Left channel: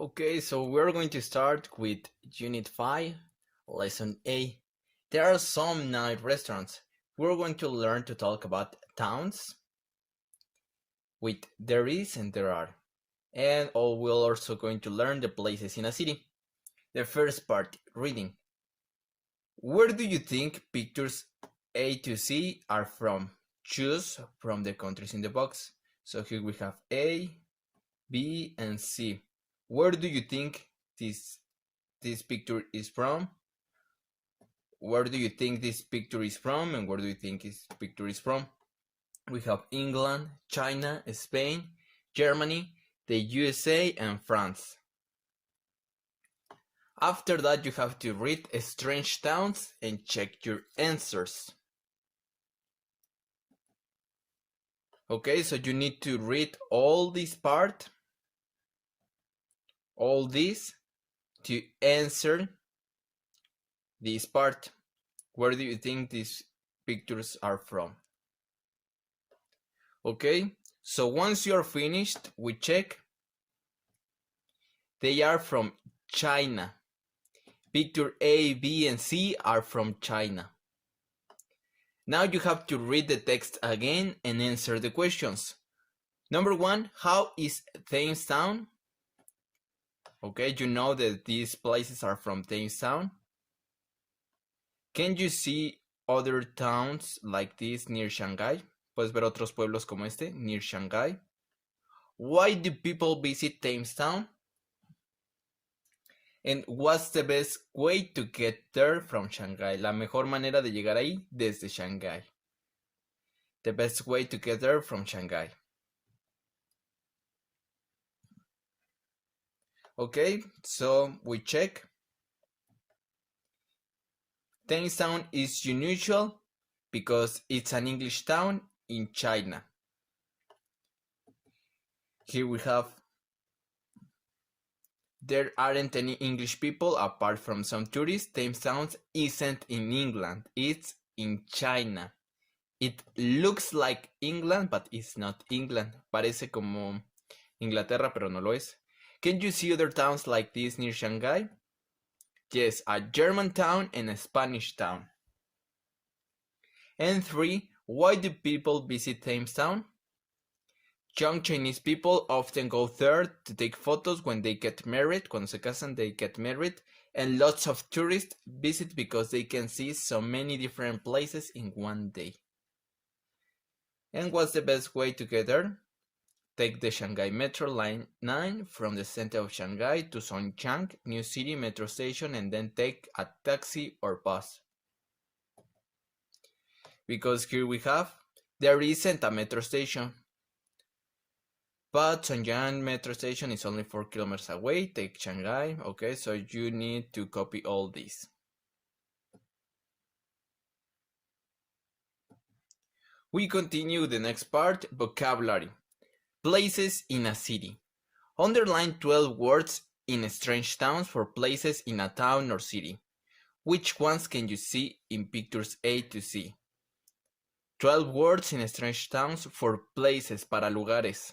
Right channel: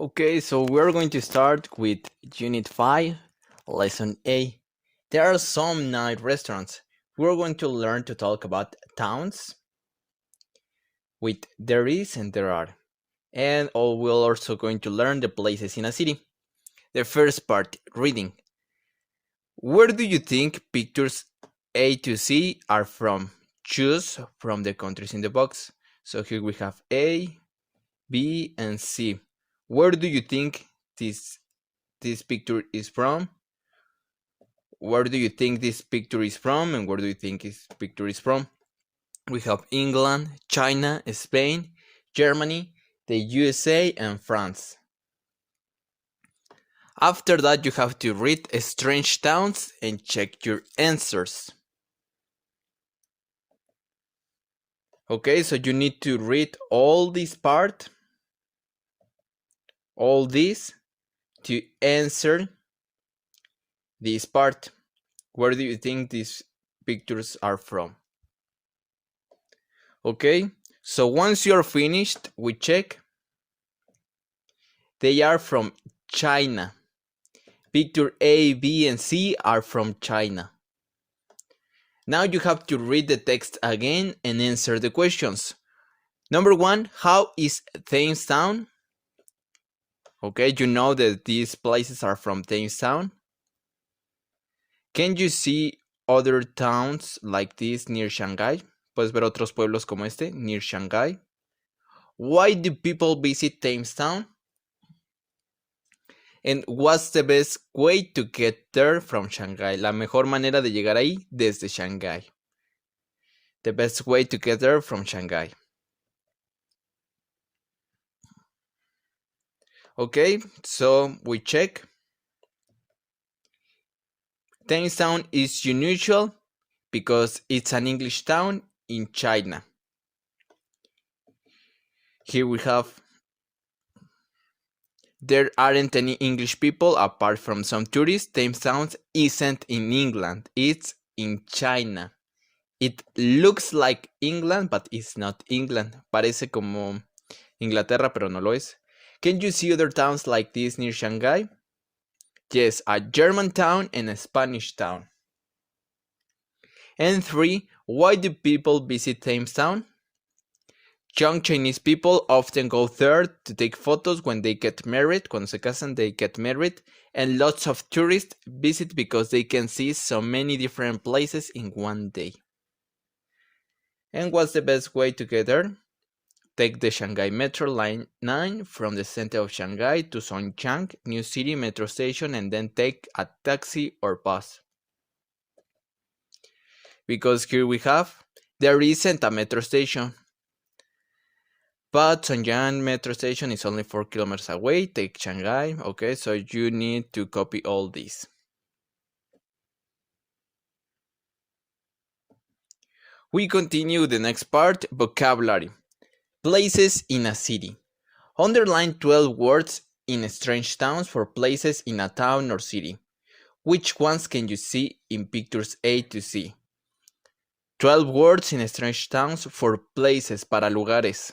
Okay, so we're going to start with Unit 5, Lesson A. There are some night restaurants. We're going to learn to talk about towns with there is and there are. And we're also going to learn the places in a city. The first part, reading. Where do you think pictures A to C are from? Choose from the countries in the box. So here we have A, B, and C. Where do you think this picture is from? Where do you think this picture is from? And where do you think this picture is from? We have England, China, Spain, Germany, the USA, and France. After that, you have to read strange towns and check your answers. Okay, so you need to read all this part, all this, to answer this part. Where do you think these pictures are from? Okay, so once you're finished, we check. They are from China. Picture A, B, and C are from China. Now you have to read the text again and answer the questions. Number 1, how is Thames Town? Okay, you know that these places are from Thames Town. Can you see other towns like this near Shanghai? Puedes ver otros pueblos como este near Shanghai. Why do people visit Thames Town? And what's the best way to get there from Shanghai? La mejor manera de llegar ahí desde Shanghai. The best way to get there from Shanghai. Okay, so we check. Thames Town is unusual because it's an English town in China. Here we have, there aren't any English people apart from some tourists. Thames Town isn't in England, it's in China. It looks like England, but it's not England. Parece como Inglaterra, pero no lo es. Can you see other towns like this near Shanghai? Yes, a German town and a Spanish town. And 3, why do people visit Thames Town? Young Chinese people often go there to take photos when they get married. Cuando se casan, they get married. And lots of tourists visit because they can see so many different places in one day. And what's the best way to get there? Take the Shanghai Metro Line 9 from the center of Shanghai to Songjiang New City Metro Station and then take a taxi or bus. Because here we have, there isn't a metro station. But Songjiang Metro Station is only 4 kilometers away. Take Shanghai. Okay, so you need to copy all this. We continue the next part, vocabulary. Places in a city. Underline 12 words in strange towns for places in a town or city. Which ones can you see in pictures A to C? 12 words in strange towns for places, para lugares.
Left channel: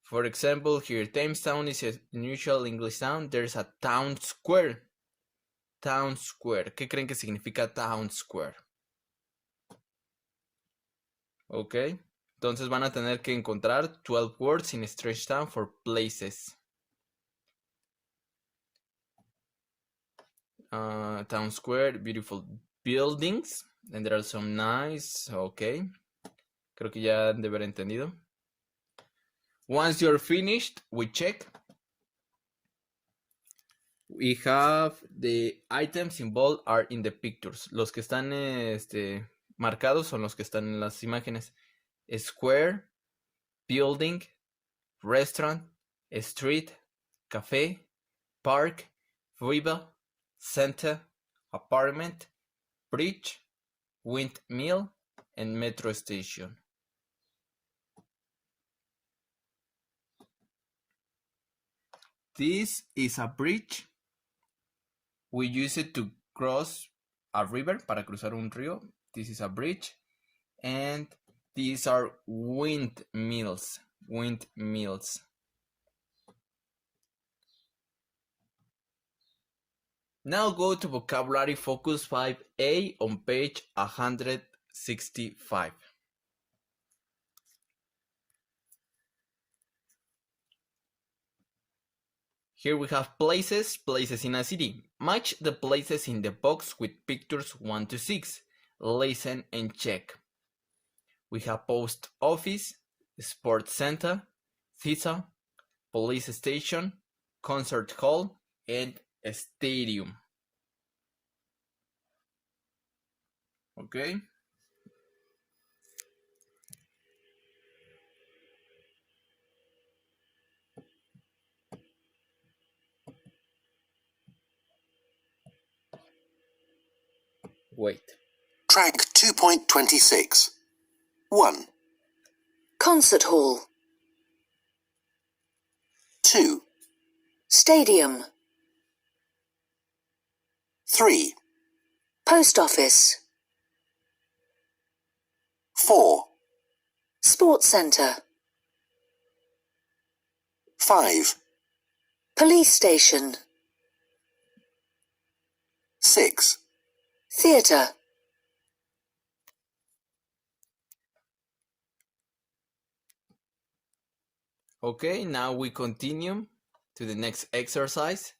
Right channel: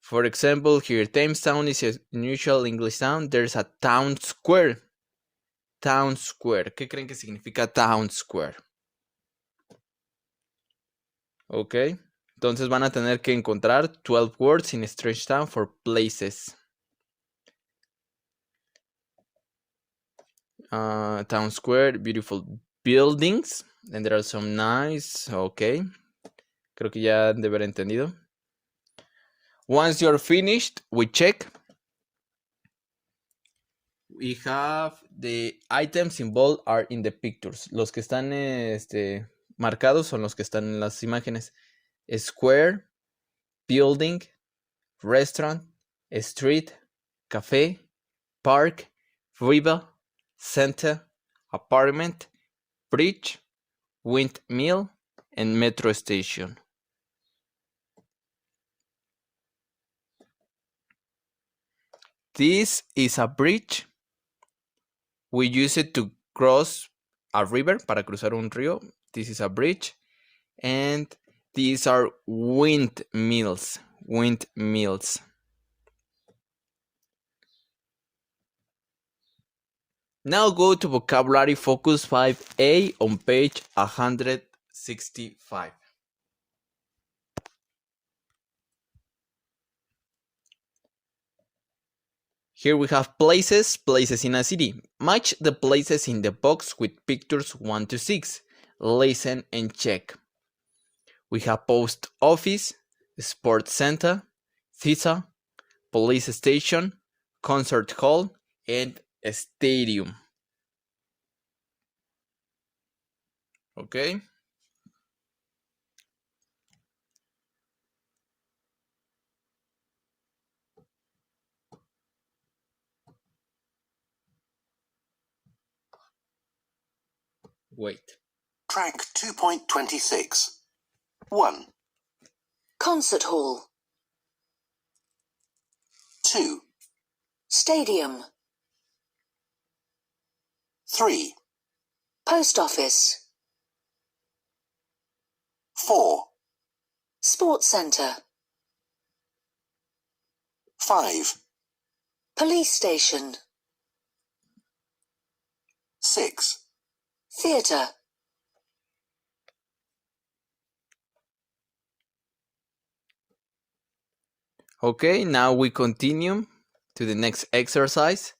For example, here, Thames Town is a unusual English town. There's a town square. Town square. ¿Qué creen que significa town square? Ok. Entonces van a tener que encontrar 12 words in strange town for places. Town square, beautiful buildings. And there are some nice. Ok. Creo que ya han de haber entendido. Once you're finished, we check. We have the items involved are in the pictures. Los que están marcados son los que están en las imágenes. Square, building, restaurant, street, cafe, park, river, center, apartment, bridge, windmill, and metro station. This is a bridge. We use it to cross a river, para cruzar un río. This is a bridge. And these are windmills. Windmills. Now go to vocabulary focus 5A on page 165. Here we have places in a city. Match the places in the box with pictures 1 to 6. Listen and check. We have post office, sports center, theater, police station, concert hall, and a stadium. Okay? Wait. Track 2.26. 1, Concert hall. 2, Stadium. 3, Post office. 4, Sports centre. 5, Police station. 6, Theatre. Okay, now we continue to the next exercise.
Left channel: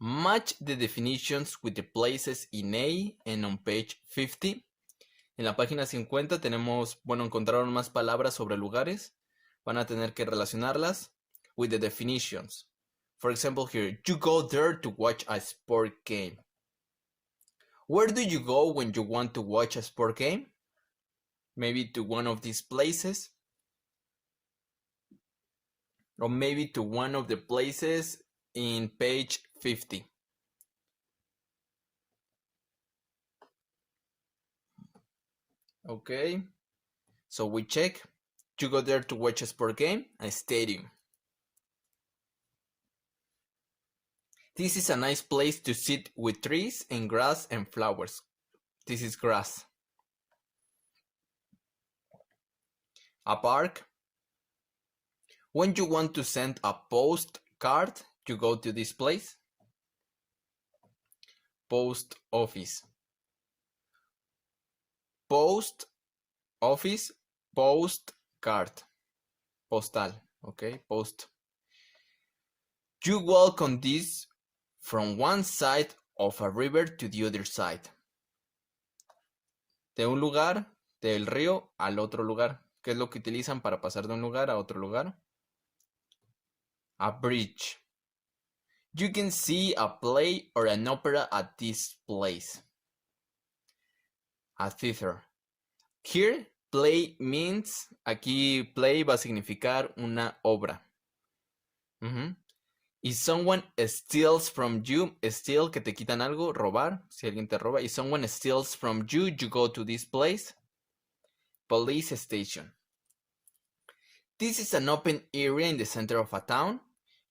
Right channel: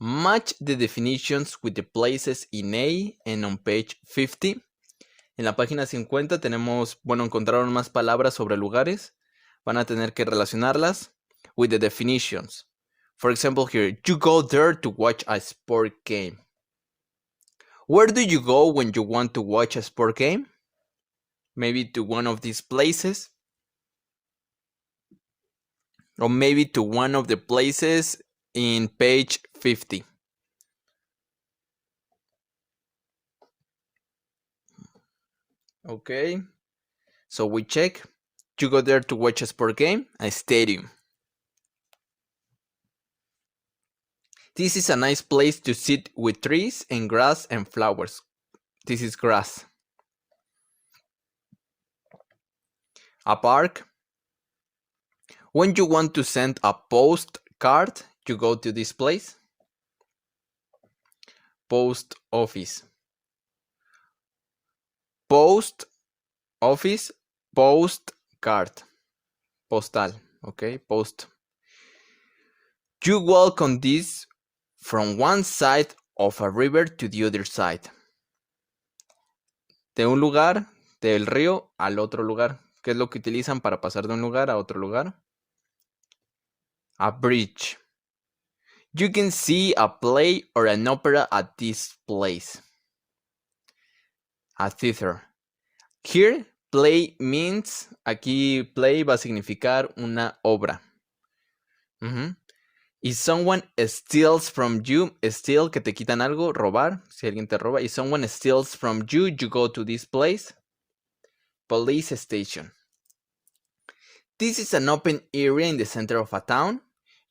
Match the definitions with the places in A and on page 50. En la página 50 tenemos, encontraron más palabras sobre lugares. Van a tener que relacionarlas with the definitions. For example, here, you go there to watch a sport game. Where do you go when you want to watch a sport game? Maybe to one of these places. Or maybe to one of the places in page 50. Okay, so we check. You go there to watch a sport game, a stadium. This is a nice place to sit with trees and grass and flowers. This is grass. A park. When you want to send a postcard, you go to this place. Post office. Post office, postcard. Postal, okay, post. You walk on this from one side of a river to the other side. De un lugar, del río al otro lugar. ¿Qué es lo que utilizan para pasar de un lugar a otro lugar? A bridge. You can see a play or an opera at this place. A theater. Here, play means, aquí play va a significar una obra. If someone steals from you, steal, que te quitan algo, robar, si alguien te roba. If someone steals from you, you go to this place. Police station. This is an open area in the center of a town.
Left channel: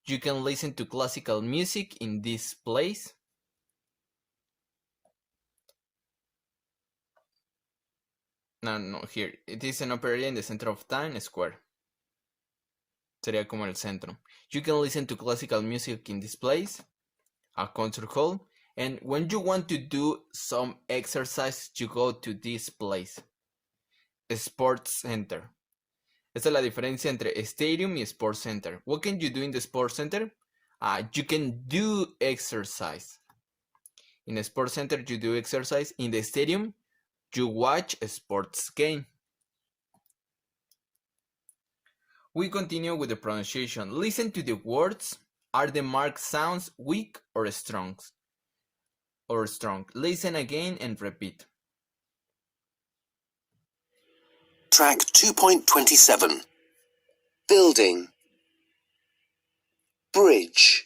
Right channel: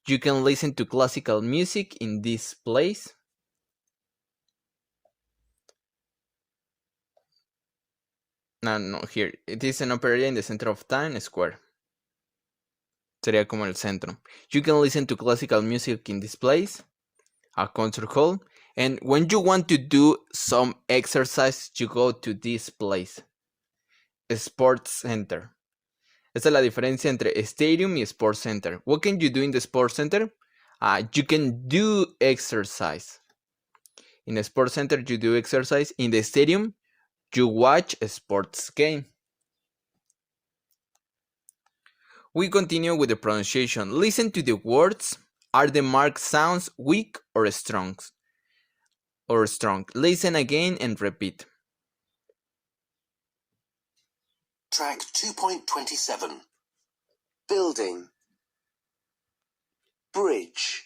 You can listen to classical music in this place. No, here. It is an open area in the center of town square. Sería como el centro. You can listen to classical music in this place. A concert hall. And when you want to do some exercise, you go to this place. A sports center. Esta es la diferencia entre stadium y sports center. What can you do in the sports center? You can do exercise. In a sports center, you do exercise. In the stadium, you watch a sports game. We continue with the pronunciation. Listen to the words. Are the marked sounds weak or strong? Listen again and repeat. Track 2.27. Building, bridge,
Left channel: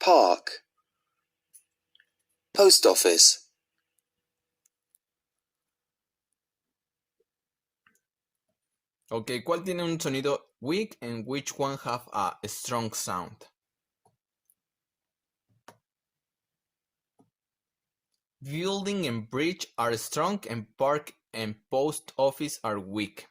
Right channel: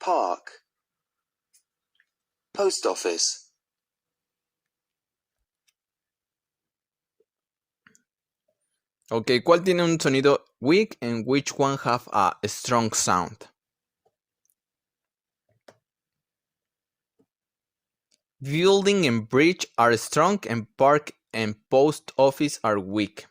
park, post office, Ok, ¿cuál tiene un sonido weak and which one have a strong sound? Building and bridge are strong and park and post office are weak.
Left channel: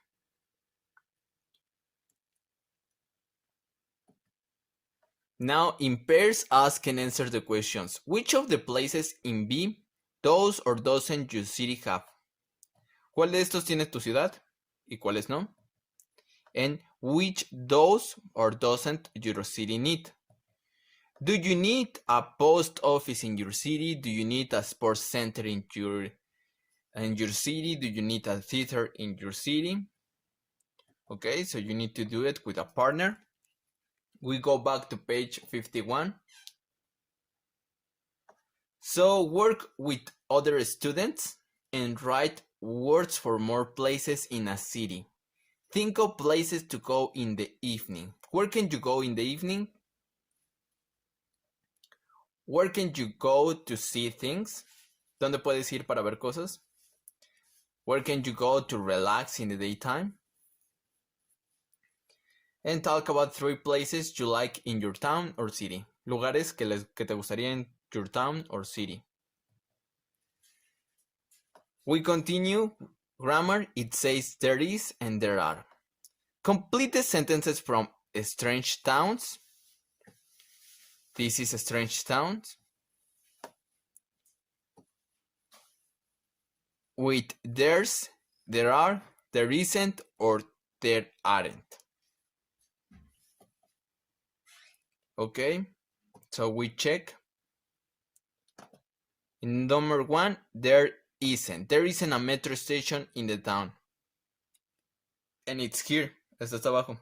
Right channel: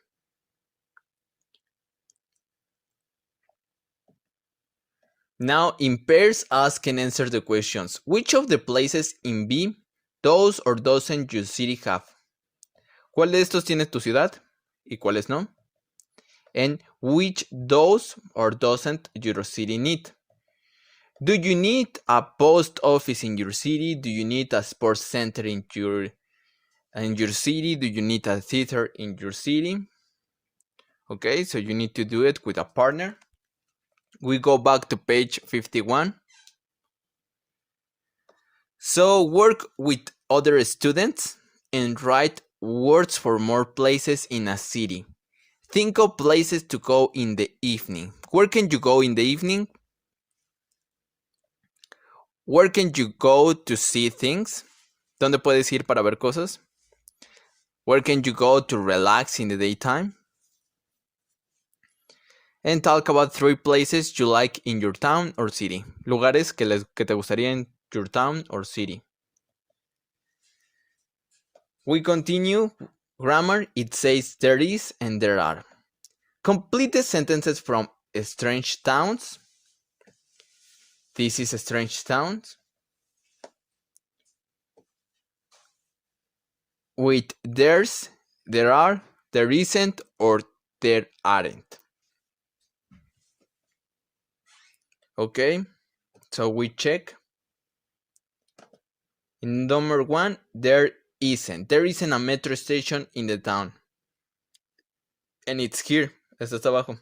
Now, in pairs, ask and answer the questions. Which of the places in B does or doesn't your city have? ¿Cuál de estos tiene tu ciudad y cuáles no? And which does or doesn't your city need? Do you need a post office in your city? Do you need a sports center in your city? Do you need a theater in your city? Okay, so you need to do it with a partner. We go back to page 51. So work with other students and write words for more places in a city. Think of places to go in the evening. Where can you go in the evening? Where can you go to see things? ¿Dónde puedes ir para ver cosas? Where can you go to relax in the daytime? And talk about 3 places you like in your town or city. Lugares que te gustaría en your town or city. We continue. Grammar, it says there is and there are. Complete the sentences from strange towns. This is strange towns. With there's, there are, there isn't, or there aren't. Okay, so we check. In number 1, there isn't. There isn't a metro station in the town. And it's here. Esto está abajo.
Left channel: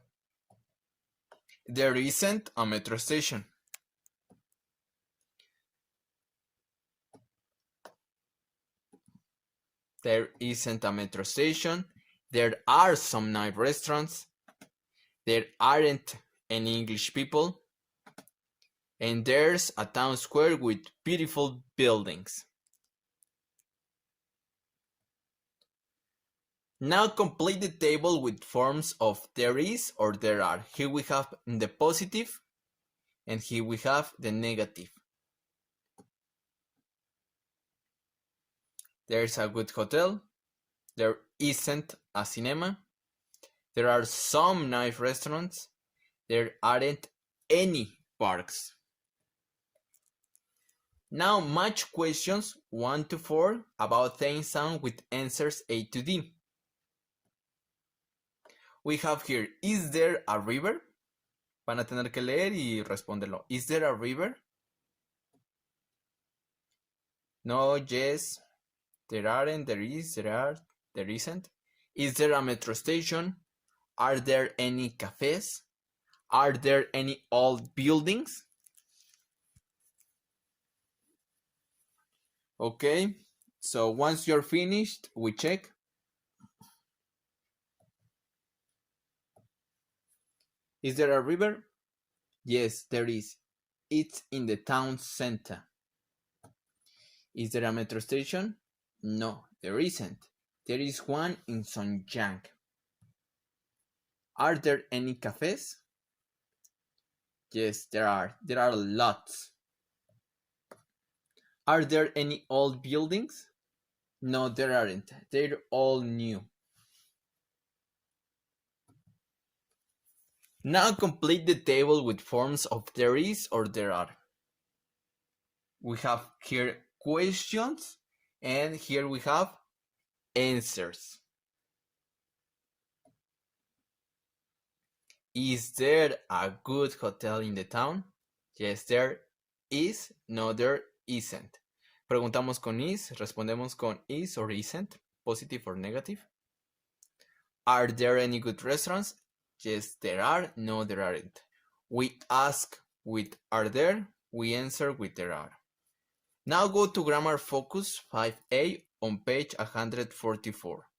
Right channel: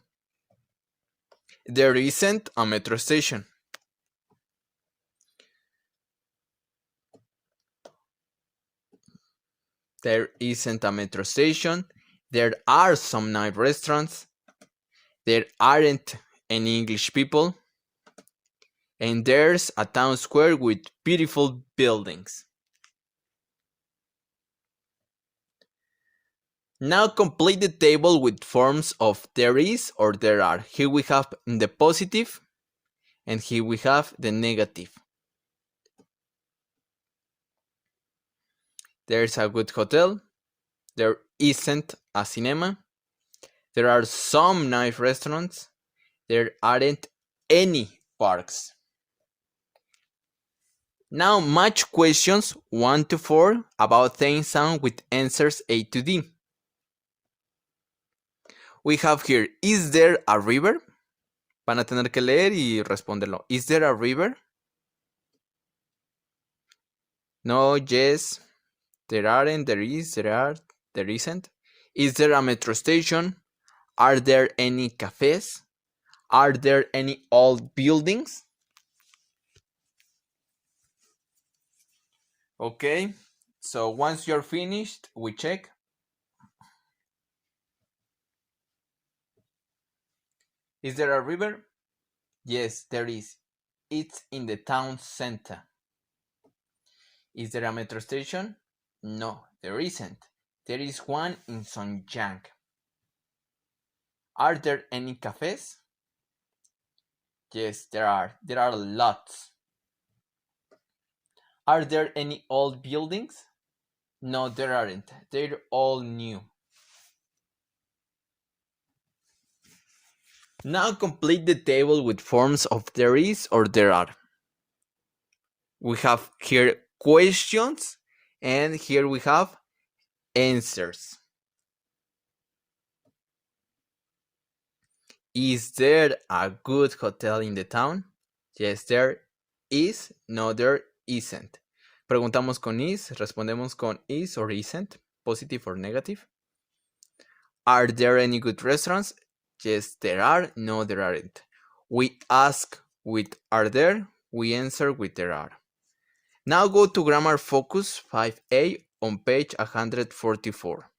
There isn't a metro station. There isn't a metro station. There are some nice restaurants. There aren't any English people. And there's a town square with beautiful buildings. Now complete the table with forms of there is or there are. Here we have the positive and here we have the negative. There's a good hotel. There isn't a cinema. There are some nice restaurants. There aren't any parks. Now match questions 1 to 4 about things sound with answers A to D. We have here, is there a river? Van a tener que leer y responderlo. Is there a river? No, yes. There aren't, there is, there are, there isn't. Is there a metro station? Are there any cafes? Are there any old buildings? Okay, so once you're finished, we check. Is there a river? Yes, there is. It's in the town center. Is there a metro station? No, there isn't. There is one in Songjiang. Are there any cafes? Yes, there are. There are lots. Are there any old buildings? No, there aren't. They're all new. Now complete the table with forms of there is or there are. We have here questions and here we have answers. Is there a good hotel in the town? Yes, there is. No, there isn't. Preguntamos con is, respondemos con is or isn't, positive or negative. Are there any good restaurants? Yes, there are. No, there aren't. We ask with are there, we answer with there are. Now go to Grammar Focus 5A on page 144.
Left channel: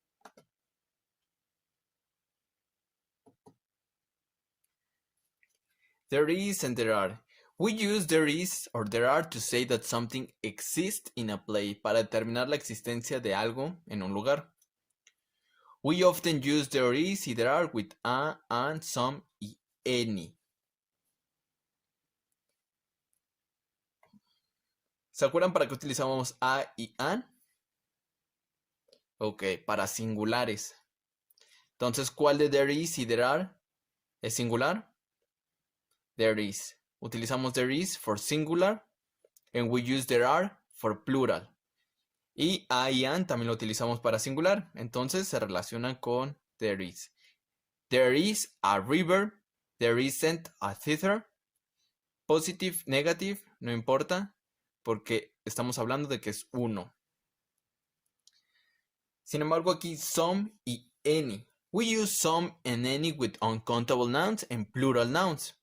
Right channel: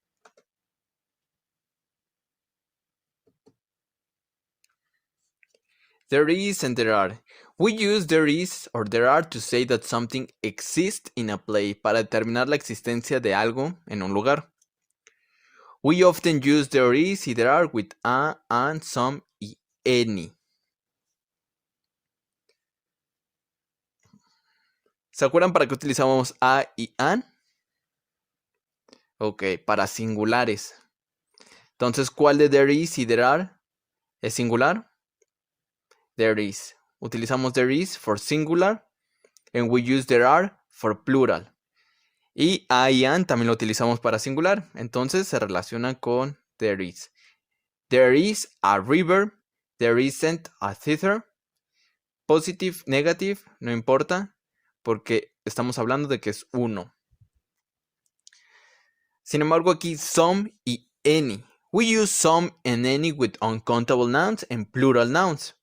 There is and there are. We use there is or there are to say that something exists in a place para determinar la existencia de algo en un lugar. We often use there is y there are with a, and, some y any. ¿Se acuerdan para qué utilizamos a y an? Ok, para singulares. Entonces, ¿cuál de there is y there are es singular? There is. utilizamos there is for singular, and we use there are for plural. Y I y an también lo utilizamos para singular, entonces se relaciona con there is. There is a river, there isn't a theater. Positive, negative, no importa, porque estamos hablando de que es uno. Sin embargo, aquí some y any. We use some and any with uncountable nouns and plural nouns.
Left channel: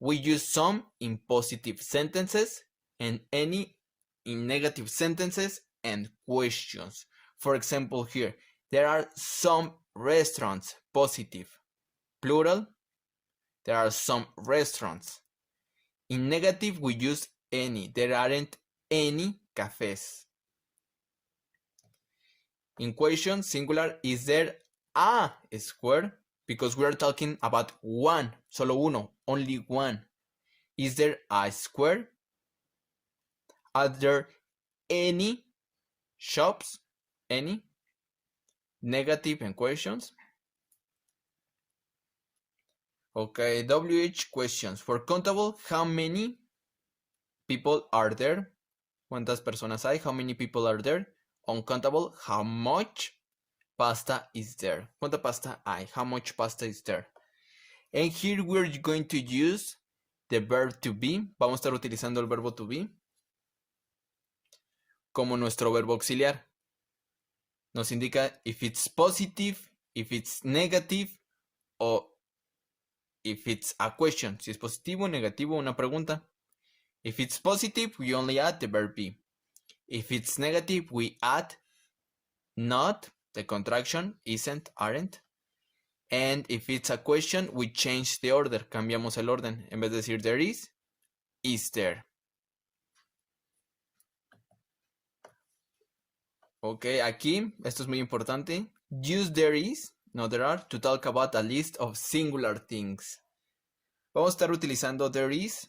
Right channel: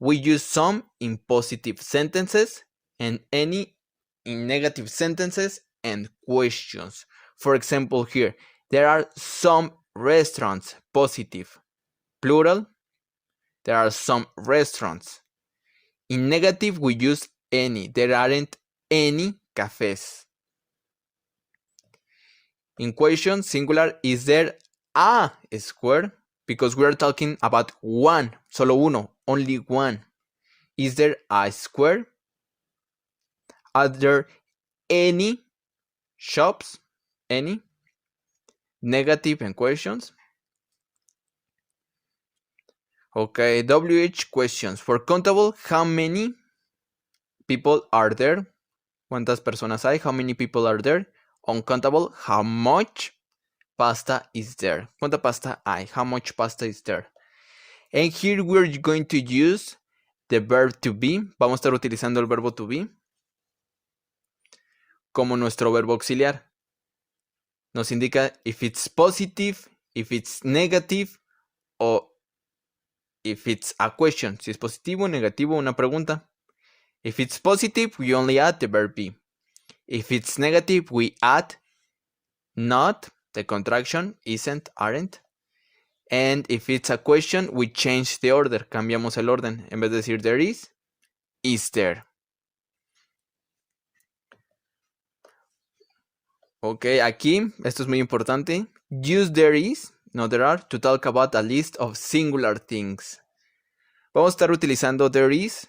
We use some in positive sentences and any in negative sentences and questions. For example, here, there are some restaurants, positive. Plural, there are some restaurants. In negative, we use any. There aren't any cafes. In question, singular, is there a square? Because we are talking about one, solo uno, only one. Is there a square? Are there any shops? Any? Negative and questions. Okay, WH questions. For countable, how many people are there? ¿Cuántas personas hay? How many people are there? Uncountable, how much pasta is there? ¿Cuánta pasta hay? How much pasta is there? And here we're going to use the verb to be. Vamos a estar utilizando el verbo to be como nuestro verbo auxiliar. Nos indica if it's positive, if it's negative, o if it's a question. Si es positivo, negativo, una pregunta. If it's positive, we only add the verb be. If it's negative, we add not, the contraction, isn't, aren't. And if it's a question, we change the order. Cambiamos el orden. En vez de decir there is there. Ok, aquí, esto es muy importante. Use there is, no there are, to talk about a list of singular things. Vamos a estar utilizando there is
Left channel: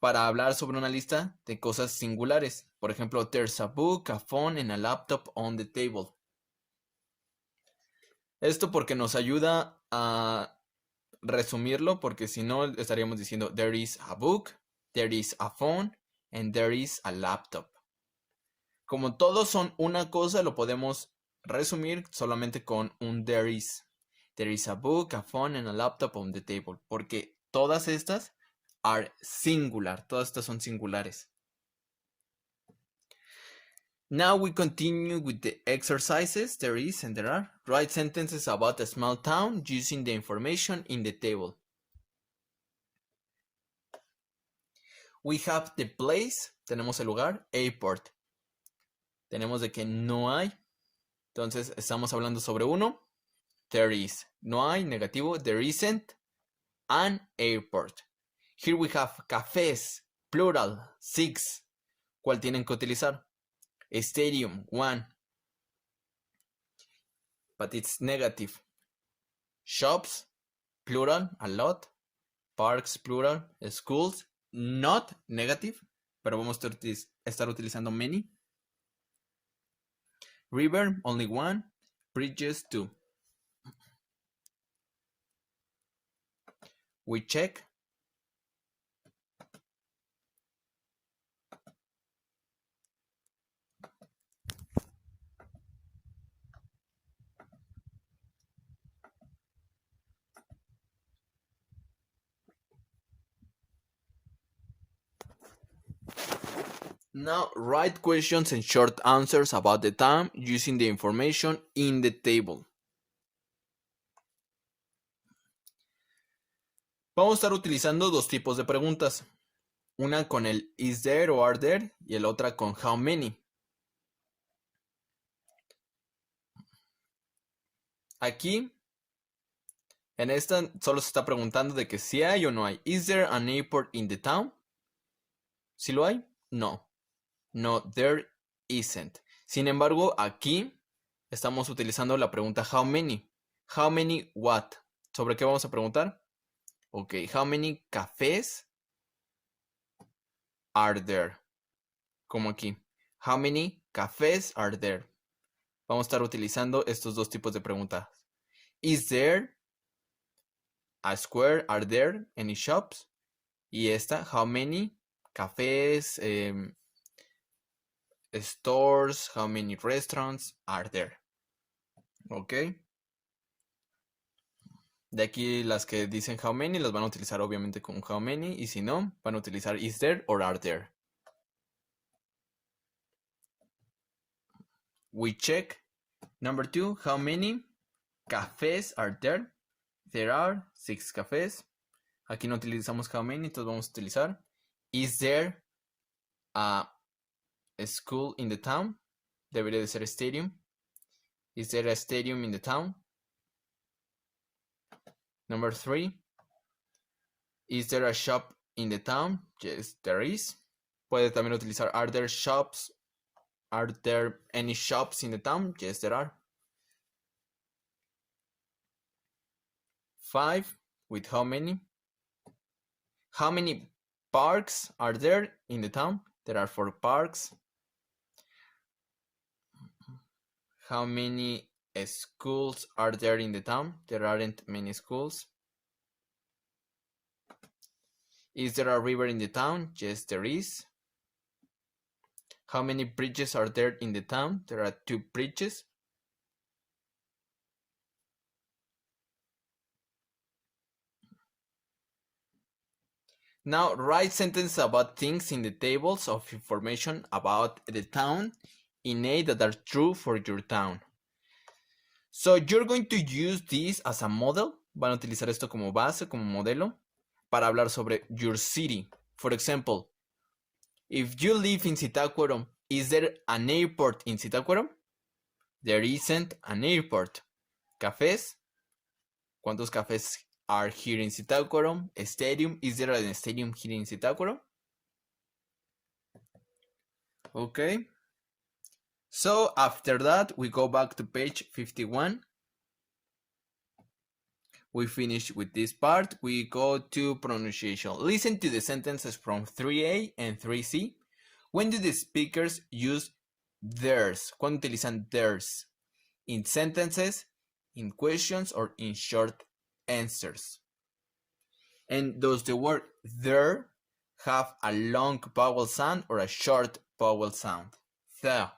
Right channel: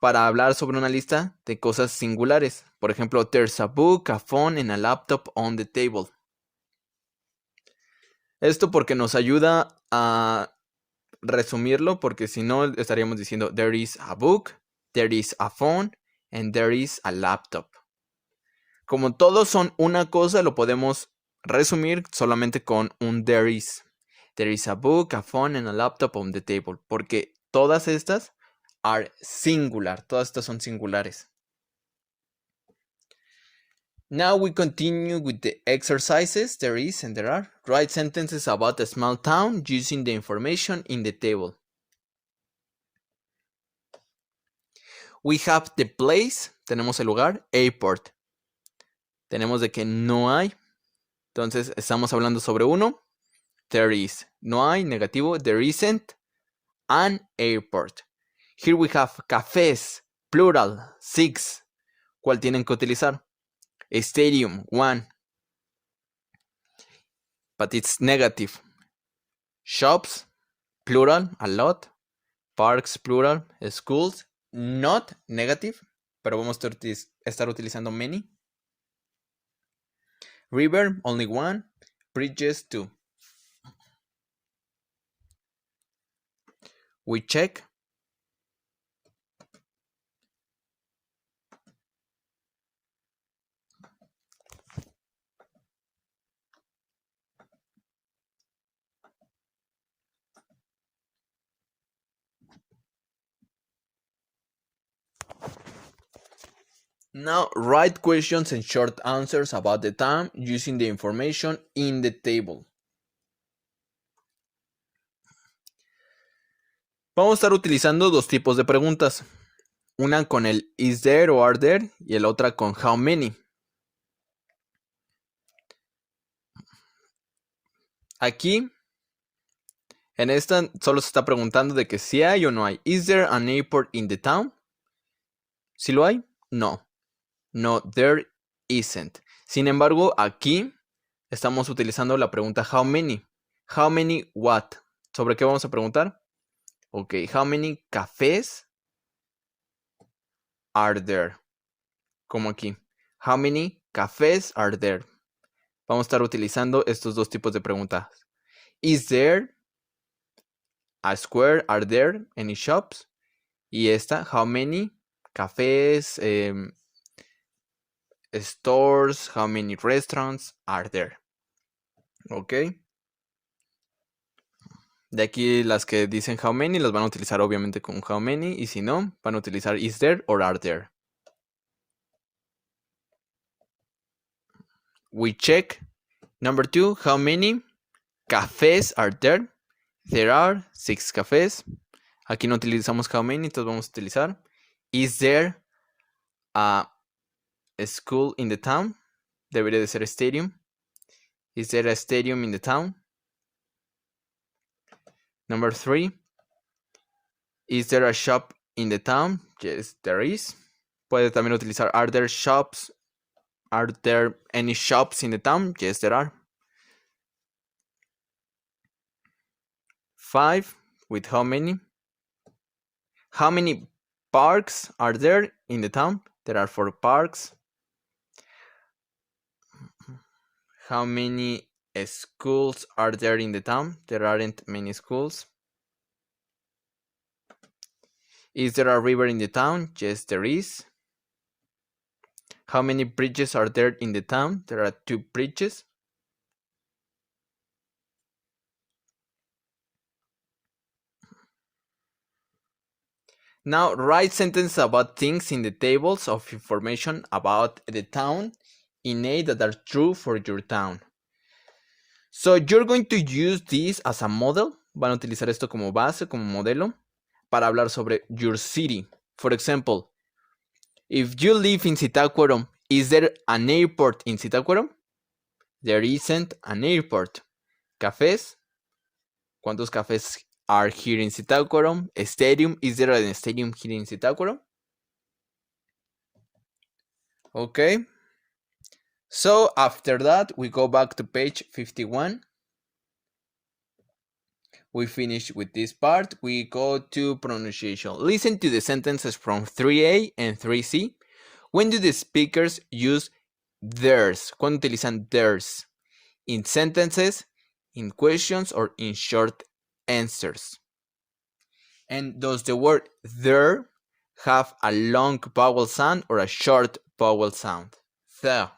para hablar sobre una lista de cosas singulares. Por ejemplo, there's a book, a phone, and a laptop on the table. Esto porque nos ayuda a resumirlo, porque si no estaríamos diciendo there is a book, there is a phone, and there is a laptop. Como todos son una cosa, lo podemos resumir solamente con un there is. There is a book, a phone, and a laptop on the table. Porque todas estas are singular. Todas estas son singulares. Now we continue with the exercises. There is and there are. Write sentences about a small town using the information in the table. We have the place. Tenemos el lugar. Airport. Tenemos de que no hay. Entonces estamos hablando sobre uno. There is. No hay. Negativo. There isn't an airport. Here we have cafés. Plural. 6. ¿Cuál tienen que utilizar? A stadium, 1. But it's negative. Shops, plural, a lot. Parks, plural. Schools, not negative, pero vamos a estar utilizando many. River, only 1. Bridges, 2. We check. Now write questions and short answers about the town using the information in the table. Vamos a estar utilizando dos tipos de preguntas. Una con el is there o are there y la otra con how many. Aquí, en esta solo se está preguntando de que si hay o no hay. Is there an airport in the town? ¿Si lo hay? No. No, there isn't. Sin embargo, aquí estamos utilizando la pregunta how many. How many what? ¿Sobre qué vamos a preguntar? Ok, how many cafés are there? Como aquí. How many cafés are there? Vamos a estar utilizando estos dos tipos de preguntas. Is there a square? Are there any shops? Y esta, how many cafés, stores, how many restaurants are there. ¿Ok? De aquí las que dicen how many las van a utilizar obviamente con how many, y si no, van a utilizar is there or are there. We check. Number 2, how many cafés are there? There are 6 cafés. Aquí no utilizamos how many, entonces vamos a utilizar is there a school in the town? Debería de ser stadium. Is there a stadium in the town? Number 3, is there a shop in the town? Yes, there is. Puede también utilizar are there shops? Are there any shops in the town? Yes, there are. 5, with how many? How many parks are there in the town? There are 4 parks. How many schools are there in the town? There aren't many schools. Is there a river in the town? Yes, there is. How many bridges are there in the town? There are 2 bridges. Now write sentences about things in the tables of information about the town in A that are true for your town. So you're going to use this as a model. Van a utilizar esto como base, como modelo, para hablar sobre your city. For example, if you live in Zitácuaro, is there an airport in Zitácuaro? There isn't an airport. Cafés. ¿Cuántos cafés are here in Zitácuaro? A stadium. Is there a stadium here in Zitácuaro? Okay. So after that, we go back to page 51. We finish with this part. We go to pronunciation. Listen to the sentences from 3A and 3C. When do the speakers use theirs? ¿Cuándo utilizan theirs? In sentences, in questions, or in short answers. And does the word there have a long vowel sound or a short vowel sound? The.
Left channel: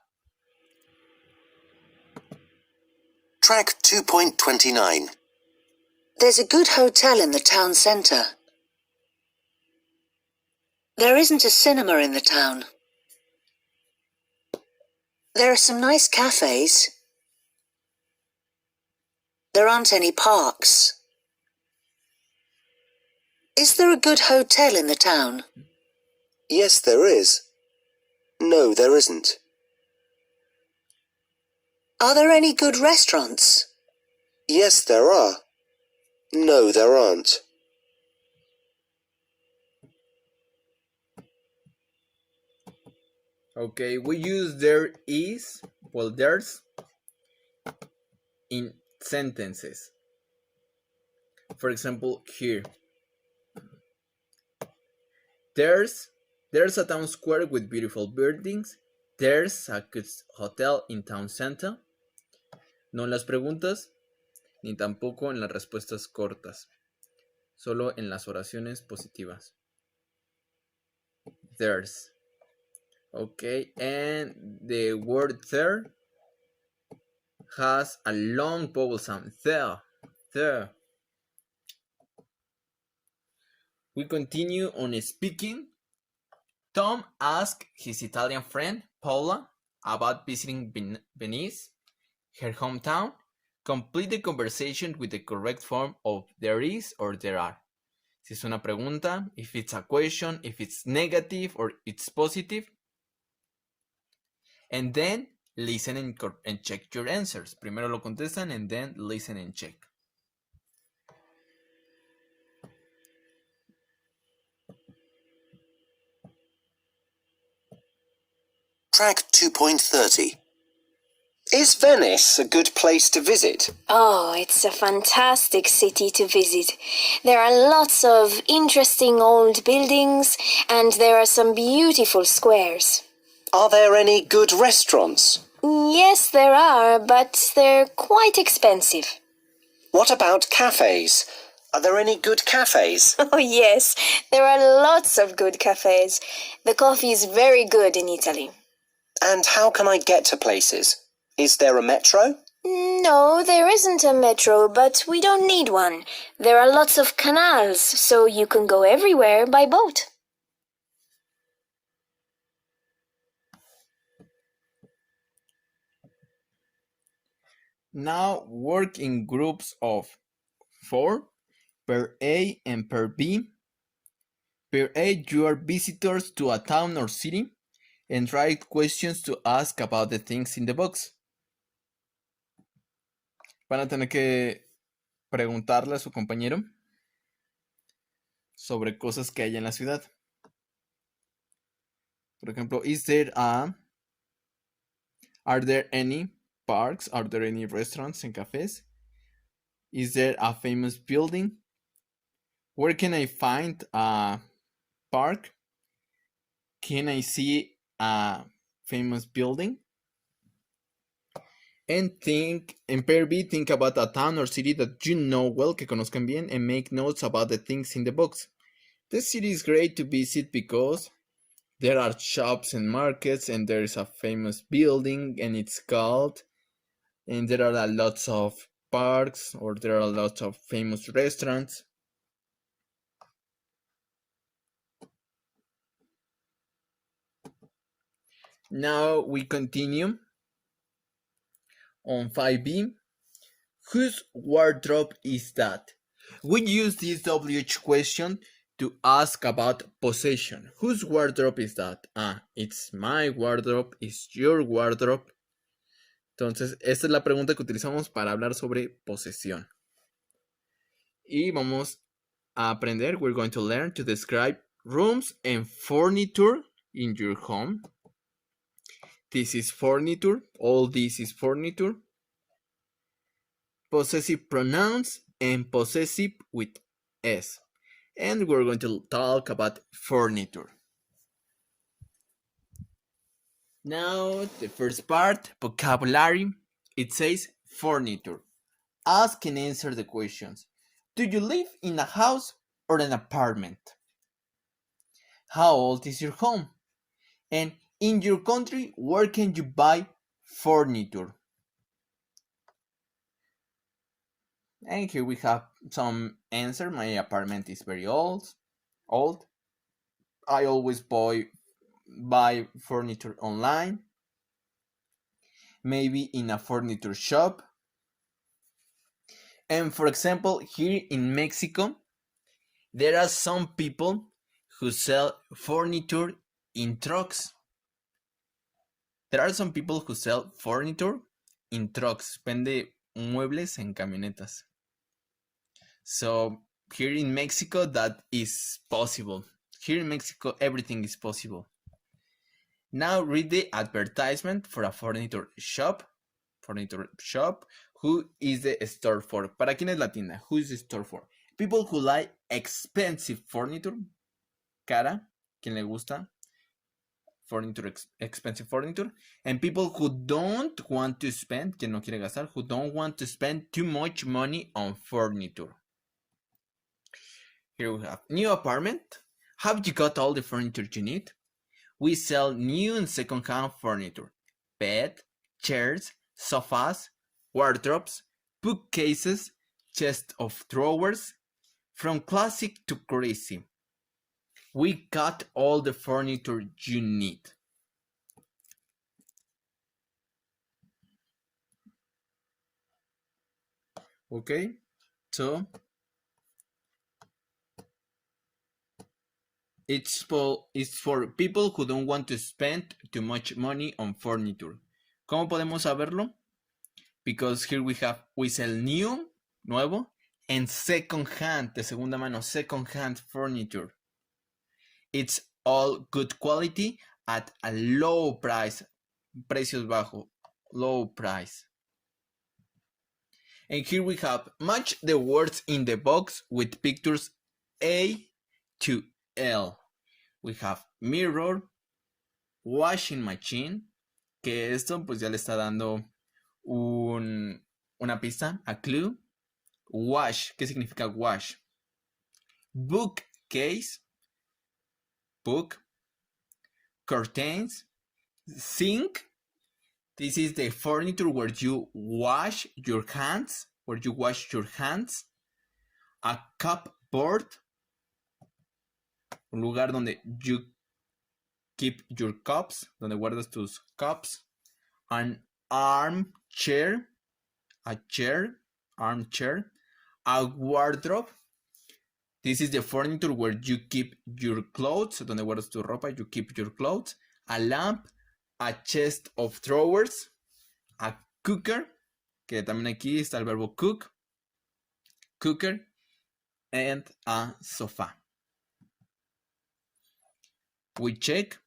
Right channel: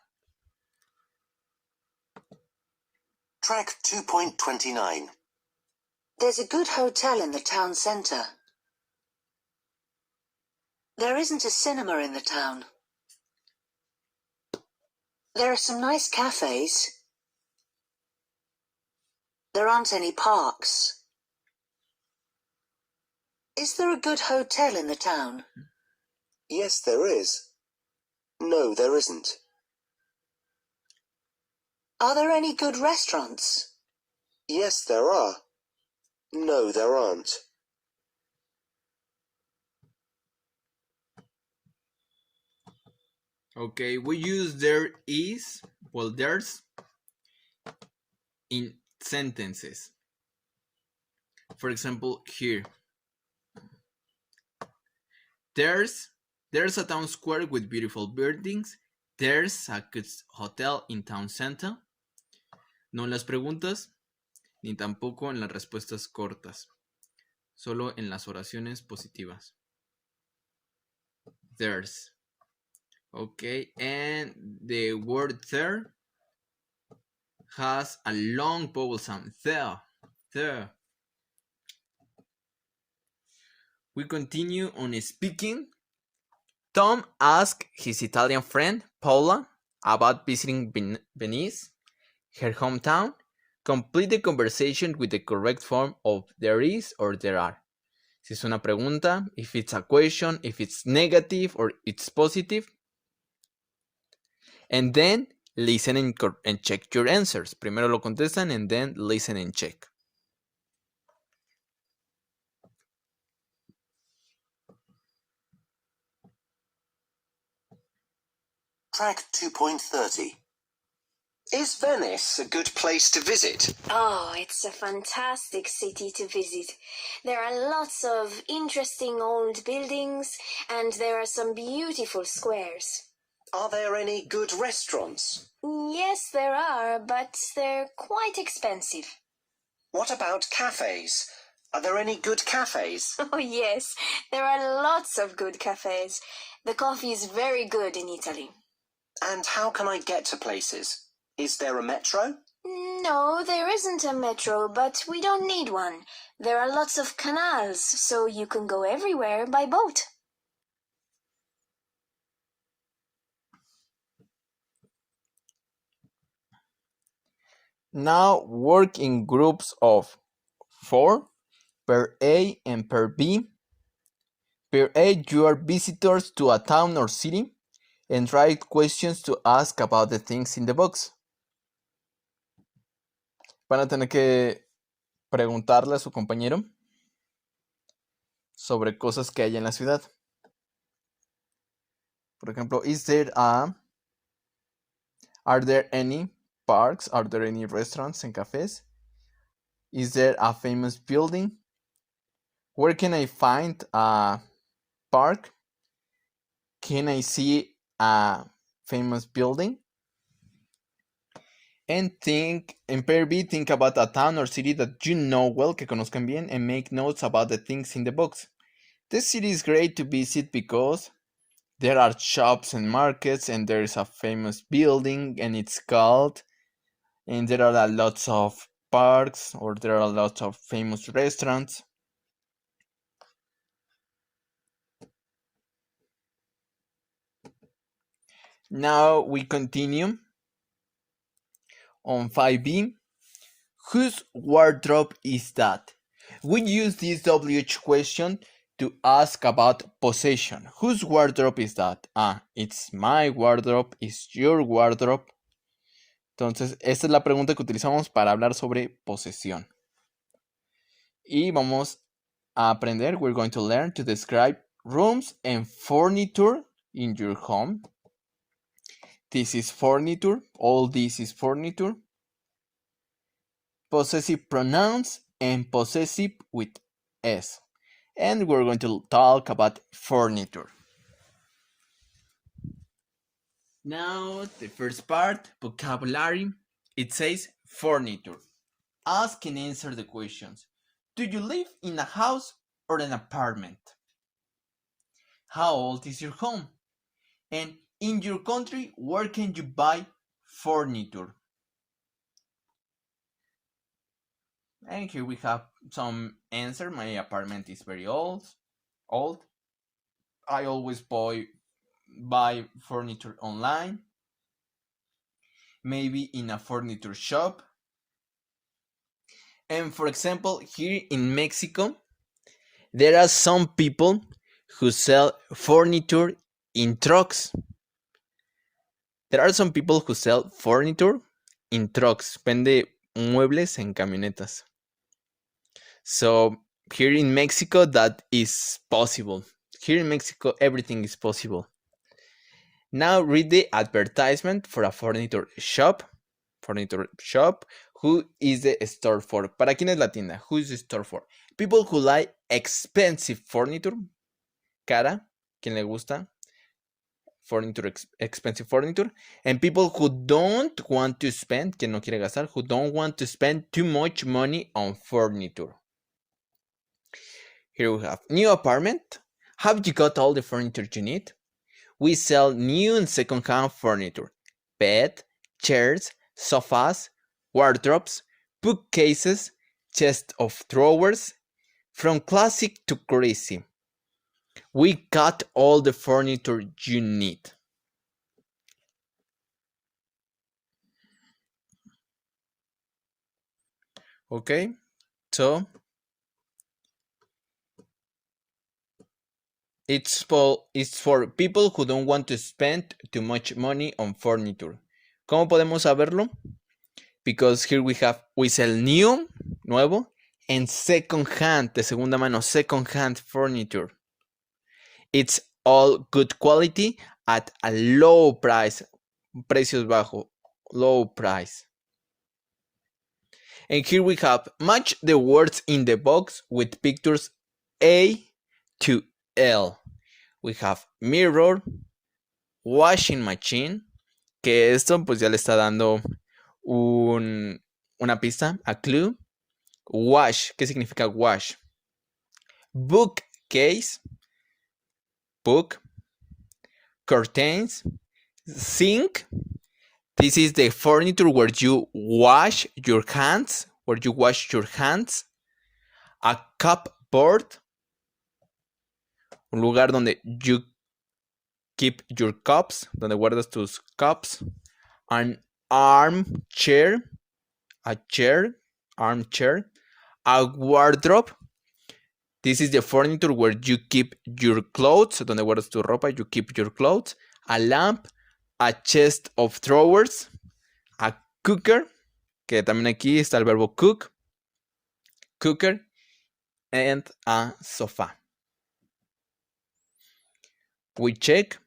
Track 2.29. There's a good hotel in the town centre. There isn't a cinema in the town. There are some nice cafes. There aren't any parks. Is there a good hotel in the town? Yes, there is. No, there isn't. Are there any good restaurants? Yes, there are. No, there aren't. Okay, we use there is, well, there's, in sentences. For example, here. There's a town square with beautiful buildings. There's a good hotel in town center. No en las preguntas, ni tampoco en las respuestas cortas. Solo en las oraciones positivas. There's. Okay, and the word there has a long vowel sound. There. We continue on speaking. Tom asked his Italian friend, Paula, about visiting Venice, her hometown. Complete the conversation with the correct form of there is or there are. Si es una pregunta, if it's a question, if it's negative or it's positive. And then listen and check your answers. Primero lo contestan and then listen and check. Track 2.30. Is Venice a good place to visit? Oh, it's a fantastic city to visit. There are lots of interesting old buildings and there are some beautiful squares. Are there any good restaurants? Yes, there are, but they're quite expensive. What about cafes? Are there any good cafes? Oh, yes, there are lots of good cafes. The coffee is very good in Italy. And how can I get to places? Is there a metro? No, there isn't a metro, but we don't need one. There are lots of canals, so you can go everywhere by boat. Now work in groups of 4 per A and per B. Per A, you are visitors to a town or city and write questions to ask about the things in the box. Van a tener que preguntarle a su compañero sobre cosas que hay en la ciudad. Por ejemplo, are there any parks? Are there any restaurants and cafes? Is there a famous building? Where can I find a park? Can I see a famous building? And in pair B, think about a town or city that you know well, que conozcan bien, and make notes about the things in the box. This city is great to visit because there are shops and markets, and there's a famous building, and it's called, and there are lots of parks, or there are lots of famous restaurants. Now we continue on 5B. Whose wardrobe is that? We use this WH question to ask about possession. Whose wardrobe is that? It's my wardrobe, it's your wardrobe. Entonces, esta es la pregunta que utilizamos para hablar sobre posesión. Y vamos a aprender, we're going to learn to describe rooms and furniture in your home. This is furniture, all this is furniture. Possessive pronouns and possessive with S. And we're going to talk about furniture. Now, the first part, vocabulary. It says furniture. Ask and answer the questions. Do you live in a house or an apartment? How old is your home? And in your country, where can you buy furniture? And here we have some answer. My apartment is very old. I always buy furniture online. Maybe in a furniture shop. And for example, here in Mexico, there are some people who sell furniture in trucks. There are some people who sell furniture in trucks. Vende muebles en camionetas. So here in Mexico, that is possible. Here in Mexico, everything is possible. Now read the advertisement for a furniture shop. Who is the store for? ¿Para quién es la tienda? Who is the store for? People who like expensive furniture. Cara, quien le gusta expensive furniture. And people who don't want to spend, quien no quiere gastar, who don't want to spend too much money on furniture. Here we have new apartment. Have you got all the furniture you need? We sell new and second-hand furniture. Bed, chairs, sofas, wardrobes, bookcases, chest of drawers, from classic to crazy. We got all the furniture you need. Okay, so it's for people who don't want to spend too much money on furniture. ¿Cómo podemos saberlo? Because here we sell new, nuevo, and second hand, de segunda mano, second hand furniture. It's all good quality at a low price, precios bajo, low price. And here we have match the words in the box with pictures A to L. We have mirror, washing machine, que esto pues ya le está dando una pista, a clue. Wash, ¿qué significa wash? bookcase, book, curtains, sink. This is the furniture where you wash your hands, A cupboard, un lugar donde you keep your cups, donde guardas tus cups. An armchair, armchair. A wardrobe. This is the furniture where you keep your clothes, donde guardas tu ropa, you keep your clothes. A lamp, a chest of drawers, a cooker, que también aquí está el verbo cook, cooker, and a sofa. We check.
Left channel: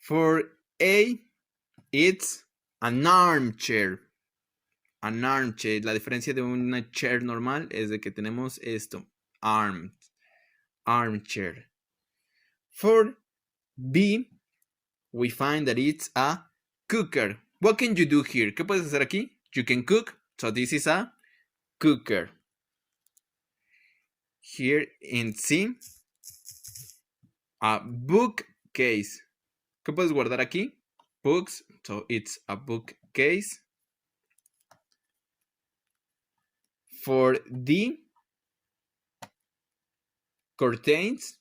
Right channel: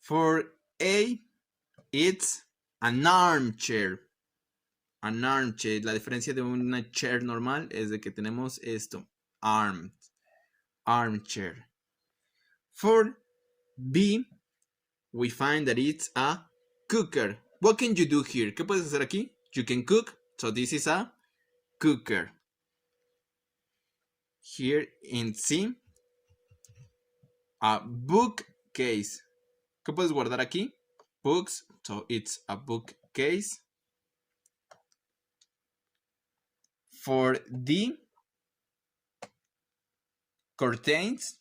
For A, it's an armchair. An armchair. La diferencia de una chair normal es de que tenemos esto. Armchair. For B, we find that it's a cooker. What can you do here? ¿Qué puedes hacer aquí? You can cook. So this is a cooker. Here in C, a bookcase. ¿Qué puedes guardar aquí? Books. So it's a bookcase. For D, curtains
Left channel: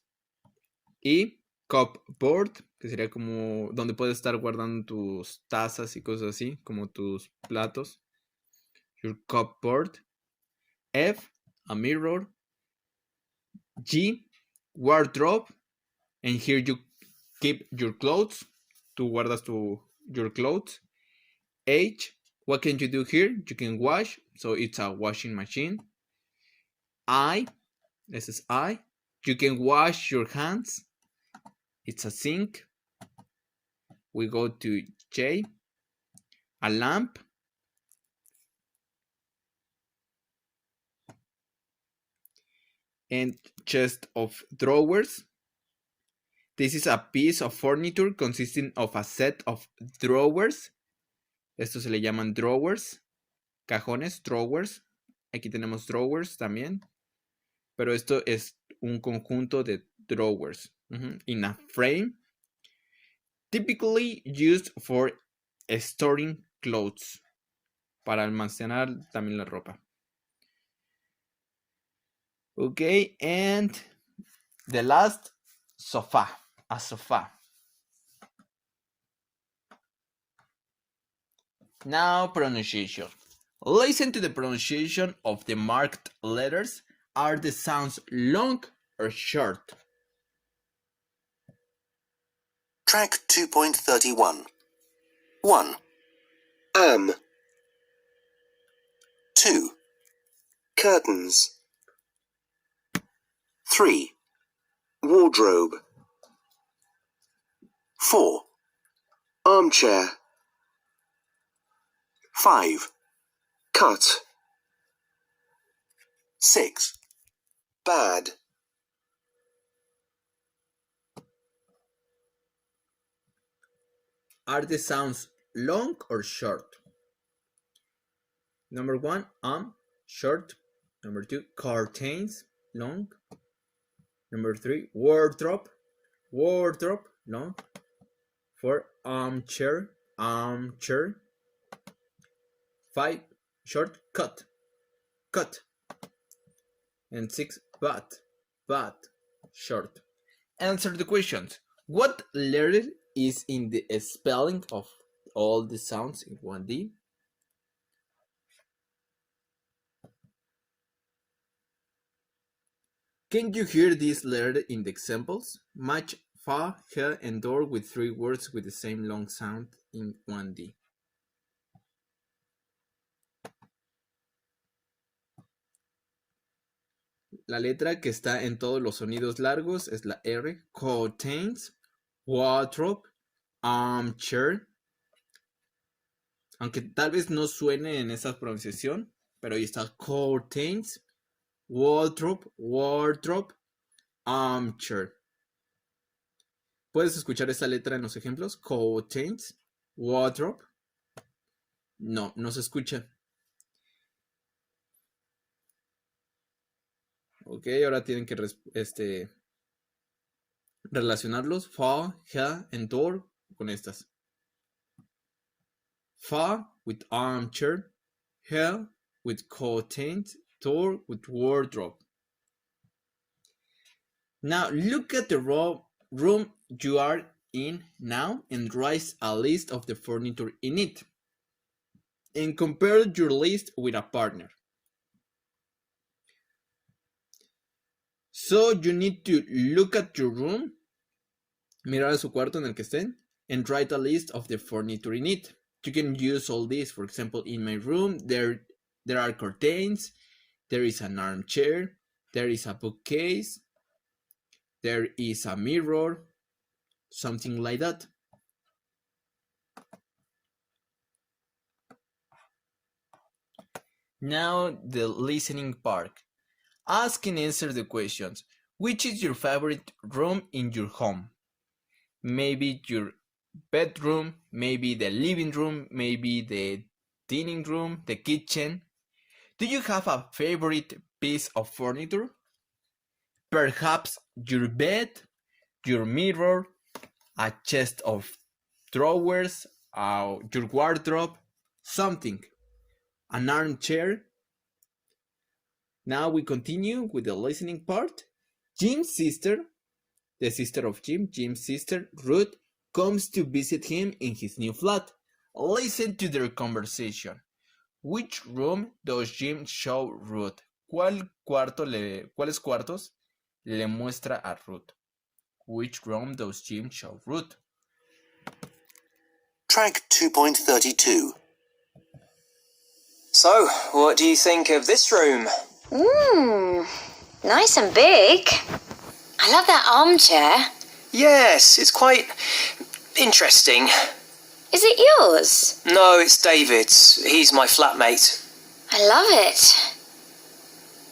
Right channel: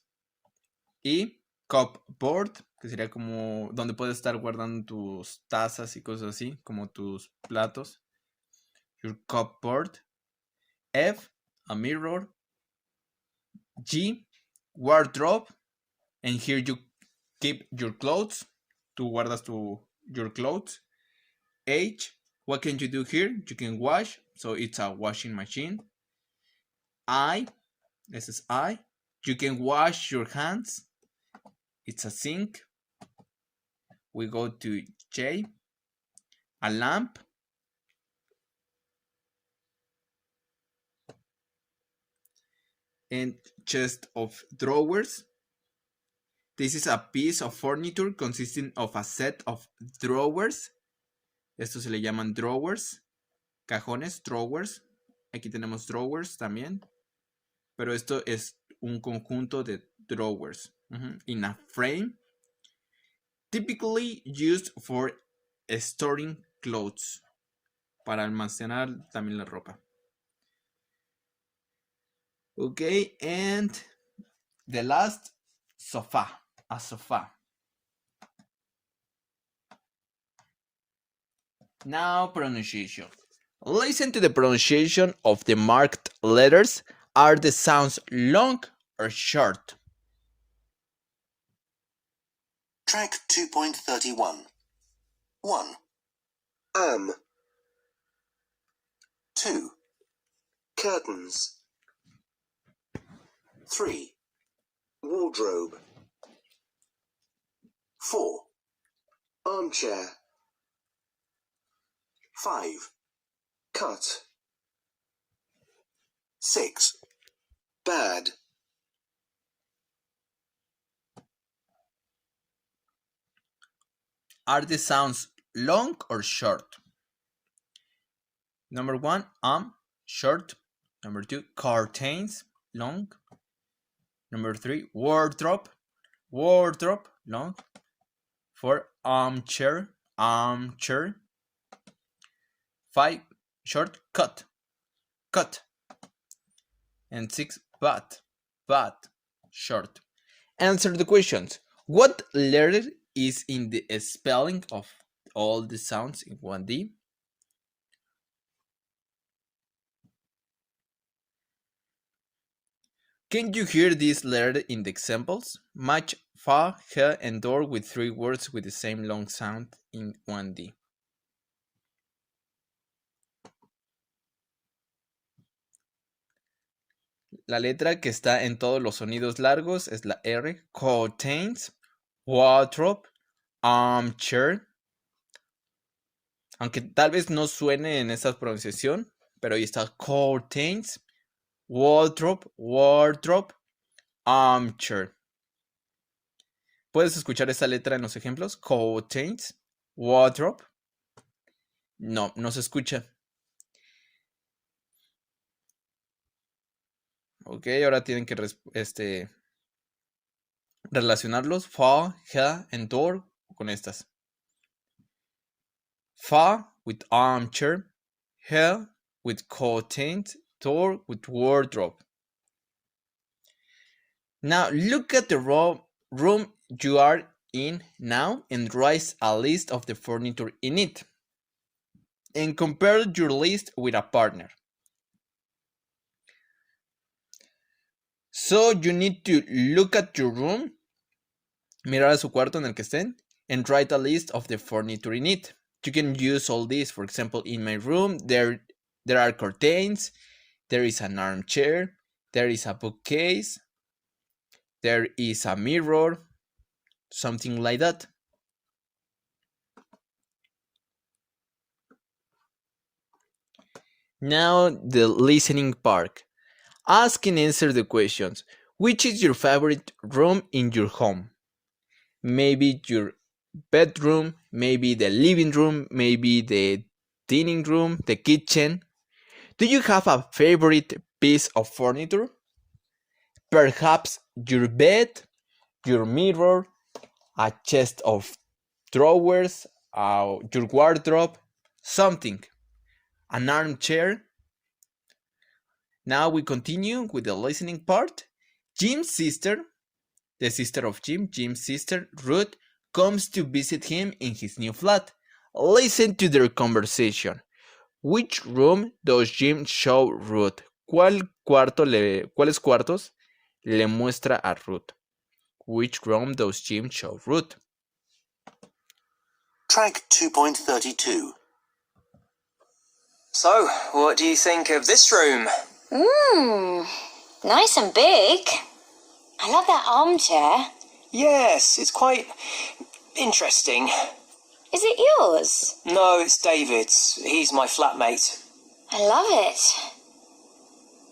y cupboard, que sería como donde puedes estar guardando tus tazas y cosas así, como tus platos. Your cupboard. F, a mirror. G, wardrobe. And here you keep your clothes. Tú guardas your clothes. H, what can you do here? You can wash. So it's a washing machine. I, this is I. You can wash your hands. It's a sink. We go to J, a lamp. And chest of drawers. This is a piece of furniture consisting of a set of drawers. Estos se le llaman drawers. Cajones, drawers. Aquí tenemos drawers también. Pero esto es un conjunto de drawers. In a frame. Typically used for storing clothes. Para almacenar también la ropa. Okay, and the last, sofa. A sofa. Now pronunciation. Listen to the pronunciation of the marked letters. Are the sounds long or short? Track 2.31. 1. 2. Curtains. 3. Wardrobe. 4. Armchair. 5. Cut. 6. Bad. Are the sounds long or short? Number 1, short. Number 2, curtains, long. Number 3, wardrobe, long. 4, armchair. 5, short, cut. And 6, bad, short. Answer the questions. What letter is in the spelling of all the sounds in 1D? Can you hear this letter in the examples? Match fa, he, and door with 3 words with the same long sound in 1D. La letra que está en todos los sonidos largos es la R. Curtains, wardrobe, armchair. Aunque tal vez no suene en esa pronunciación, pero ahí está curtains, wardrobe, armchair. ¿Puedes escuchar esa letra en los ejemplos? Curtains, wardrobe, No, no se escucha. Ok, ahora tienen que relacionarlos. Fa, ha, and door con estas. Fa with armchair, ha with curtains, door with wardrobe. Now look at the room you are in now and write a list of the furniture in it. And compare your list with a partner. So you need to look at your room, mirar a su cuarto en el que estén, and write a list of the furniture in it. You can use all this. For example, in my room, there are curtains, there is an armchair, there is a bookcase, there is a mirror, something like that. Now the listening part. Ask and answer the questions. Which is your favorite room in your home? Maybe your bedroom, maybe the living room, maybe the dining room, the kitchen. Do you have a favorite piece of furniture? Perhaps your bed, your mirror, a chest of drawers, your wardrobe, something, an armchair. Now we continue with the listening part. Jim's sister, the sister of Jim's sister, Ruth, comes to visit him in his new flat. Listen to their conversation. Which room does Jim show Ruth? ¿Cuáles cuartos le muestra a Ruth? Which room does Jim show Ruth? Track 2.32. So, what do you think of this room? Nice and big. I love that armchair. Yes, it's quite interesting. Is it yours? No, it's David's. He's my flatmate. I love it.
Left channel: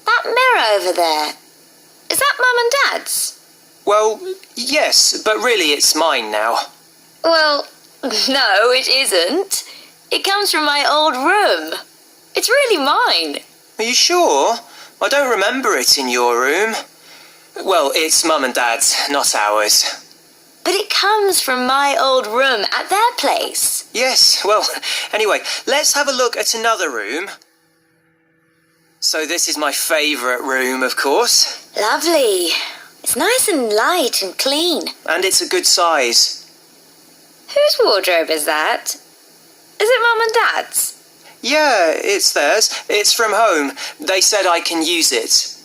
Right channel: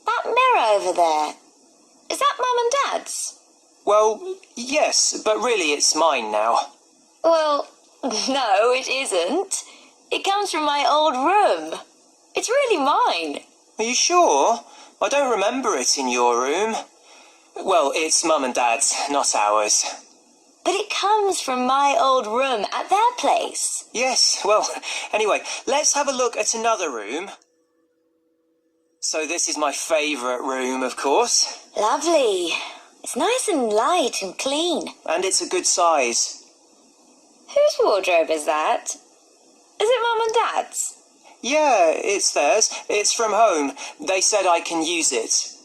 That mirror over there, is that Mum and Dad's? Well, yes, but really it's mine now. Well, no, it isn't. It comes from my old room. It's really mine. Are you sure? I don't remember it in your room. Well, it's Mum and Dad's, not ours. But it comes from my old room at their place. Yes, well, anyway, let's have a look at another room. So this is my favourite room, of course. Lovely. It's nice and light and clean. And it's a good size. Whose wardrobe is that? Is it Mum and Dad's? Yeah, it's theirs. It's from home. They said I can use it.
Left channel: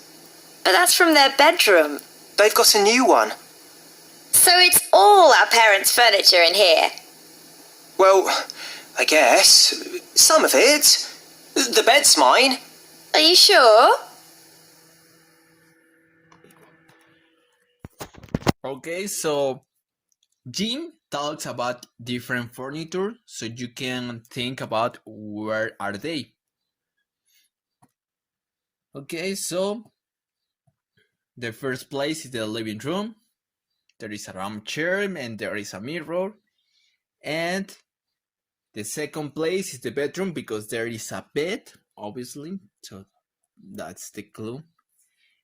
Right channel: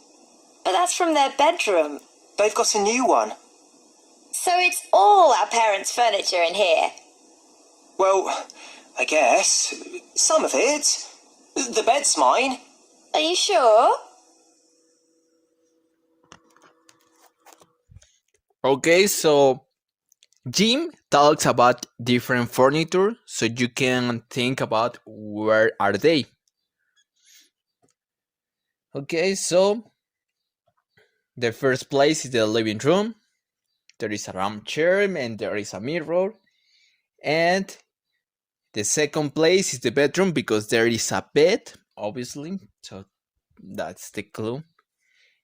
But that's from their bedroom. They've got a new one. So it's all our parents' furniture in here. Well, I guess. Some of it. The bed's mine. Are you sure? Okay, so Jim talks about different furniture, so you can think about where are they. Okay, so the first place is the living room. There is an armchair and there is a mirror. And the second place is the bedroom because there is a bed, obviously. So that's the clue.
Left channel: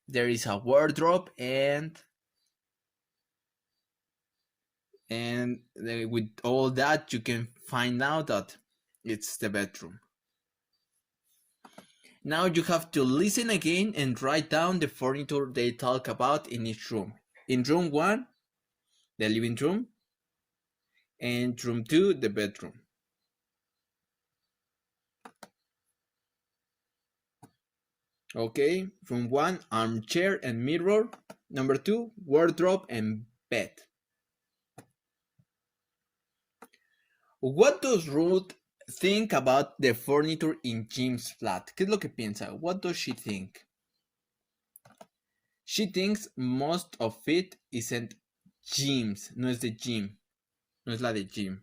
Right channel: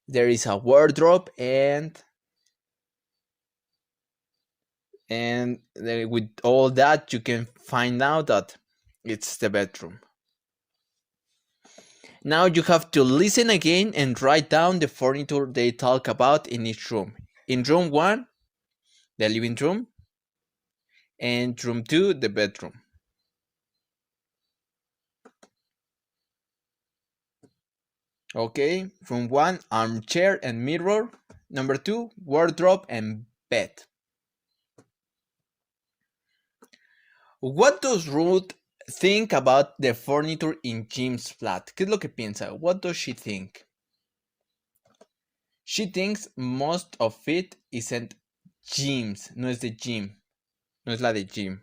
There is a wardrobe and with all that you can find out that it's the bedroom. Now you have to listen again and write down the furniture they talk about in each room. In room 1, the living room, and room 2, the bedroom. Okay, room 1, armchair and mirror. Number 2, wardrobe and bed. What does Ruth think about the furniture in Jim's flat? ¿Qué es lo que piensa? What does she think? She thinks most of it isn't Jim's. No es de Jim. No es la de Jim.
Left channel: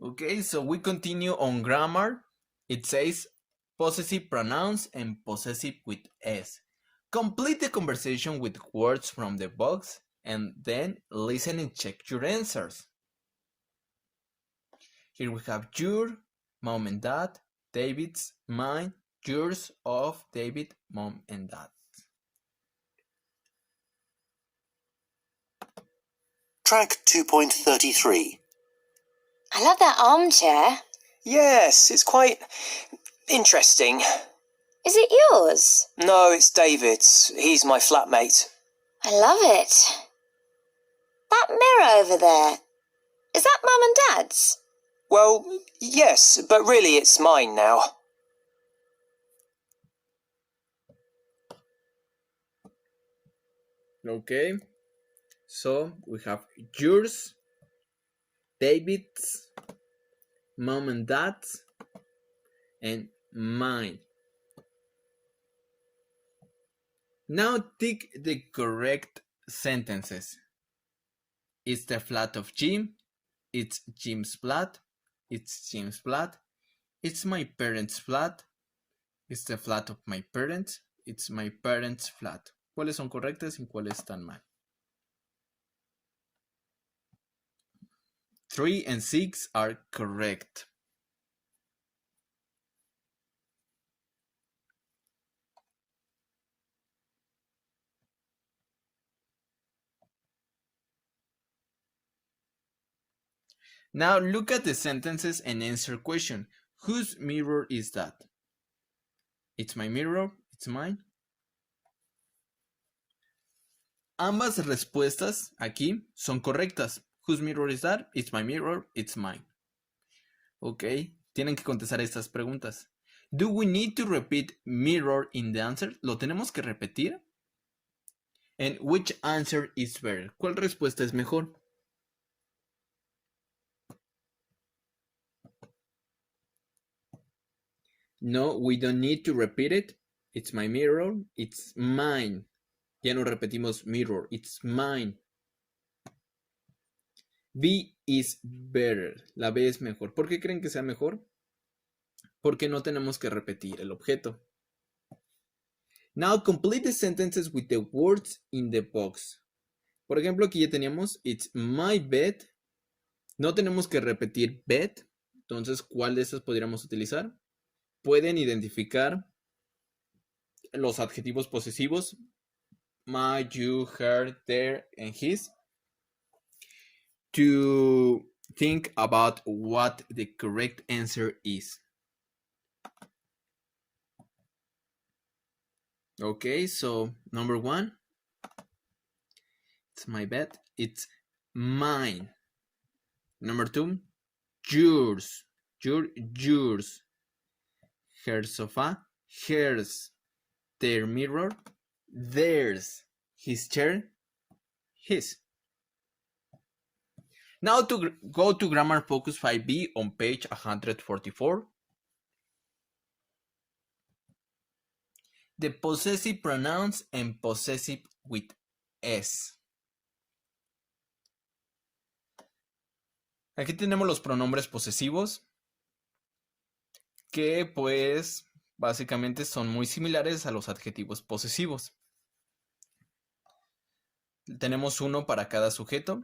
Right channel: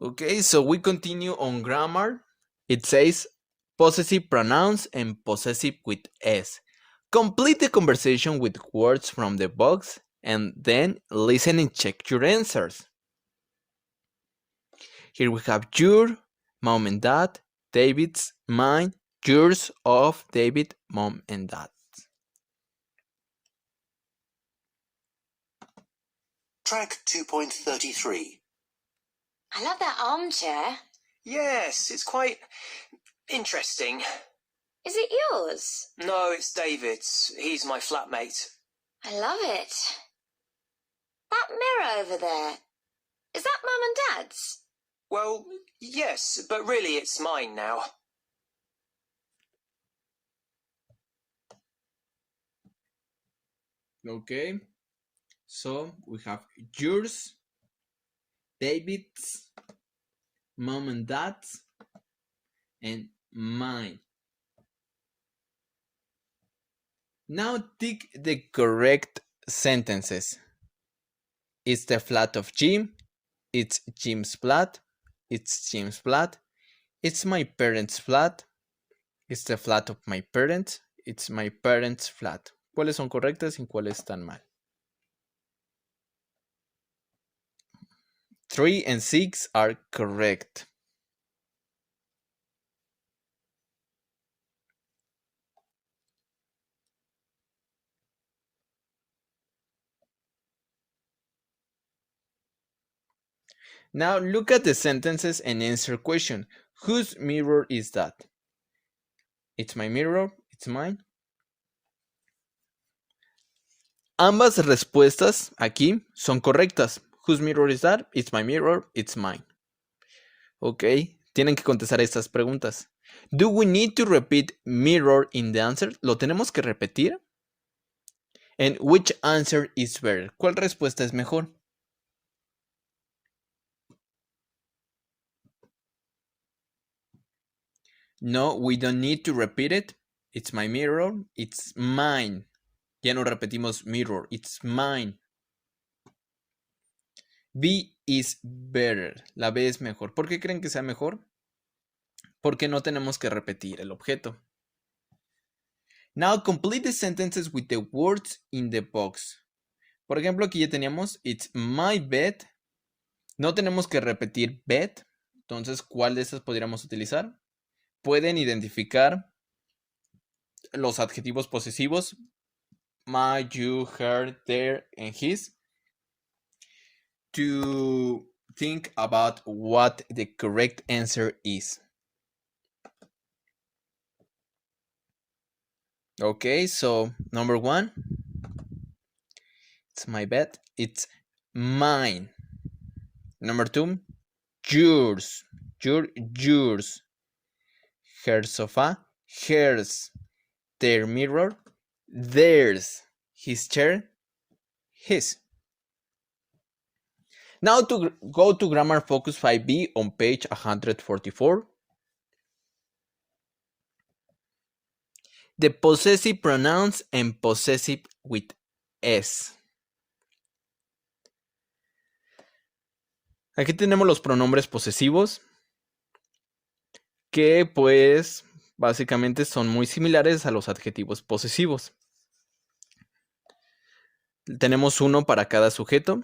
Okay, so we continue on grammar. It says possessive pronouns and possessive with S. Complete the conversation with words from the box and then listen and check your answers. Here we have your, mom and dad, David's, mine, yours, of David, mom and dad. Track 2.33. I love that armchair. Yes, it's quite interesting. Is it yours? No, it's David's. He's my flatmate. I love it. That mirror over there, is that Mum and Dad's? Well, yes, but really it's mine now. Okay, so we have yours, David's, mom and dad's, and mine. Now tick the correct sentences. It's the flat of Jim. It's Jim's flat. It's Jim's flat. It's my parents' flat. It's the flat of my parents. It's my parents' flat. ¿Cuáles son correctas y cuáles están mal? 3 and 6 are correct. Now look at the sentences and answer question. Whose mirror is that? It's my mirror, it's mine. Ambas respuestas aquí son correctas. Whose mirror is that? It's my mirror, it's mine. Ok, tienen que contestar estas preguntas. Do we need to repeat mirror in the answer? ¿Lo tenemos que repetir? And which answer is better? ¿Cuál respuesta es mejor? No, we don't need to repeat it. It's my mirror, it's mine. Ya no repetimos mirror, it's mine. B is better. La B es mejor. ¿Por qué creen que sea mejor? Porque no tenemos que repetir el objeto. Now complete the sentences with the words in the box. Por ejemplo, aquí ya teníamos it's my bed. No tenemos que repetir bed. Entonces, ¿cuál de estas podríamos utilizar? Pueden identificar los adjetivos posesivos my, you, her, their, and his to think about what the correct answer is. Okay, so number 1, it's my bed, it's mine. Number 2, yours, yours. Her sofa, hers. Their mirror, theirs. His chair, his. Now to go to Grammar Focus 5B on page 144. The possessive pronouns and possessive with S. Aquí tenemos los pronombres posesivos que pues básicamente son muy similares a los adjetivos posesivos. Tenemos uno para cada sujeto.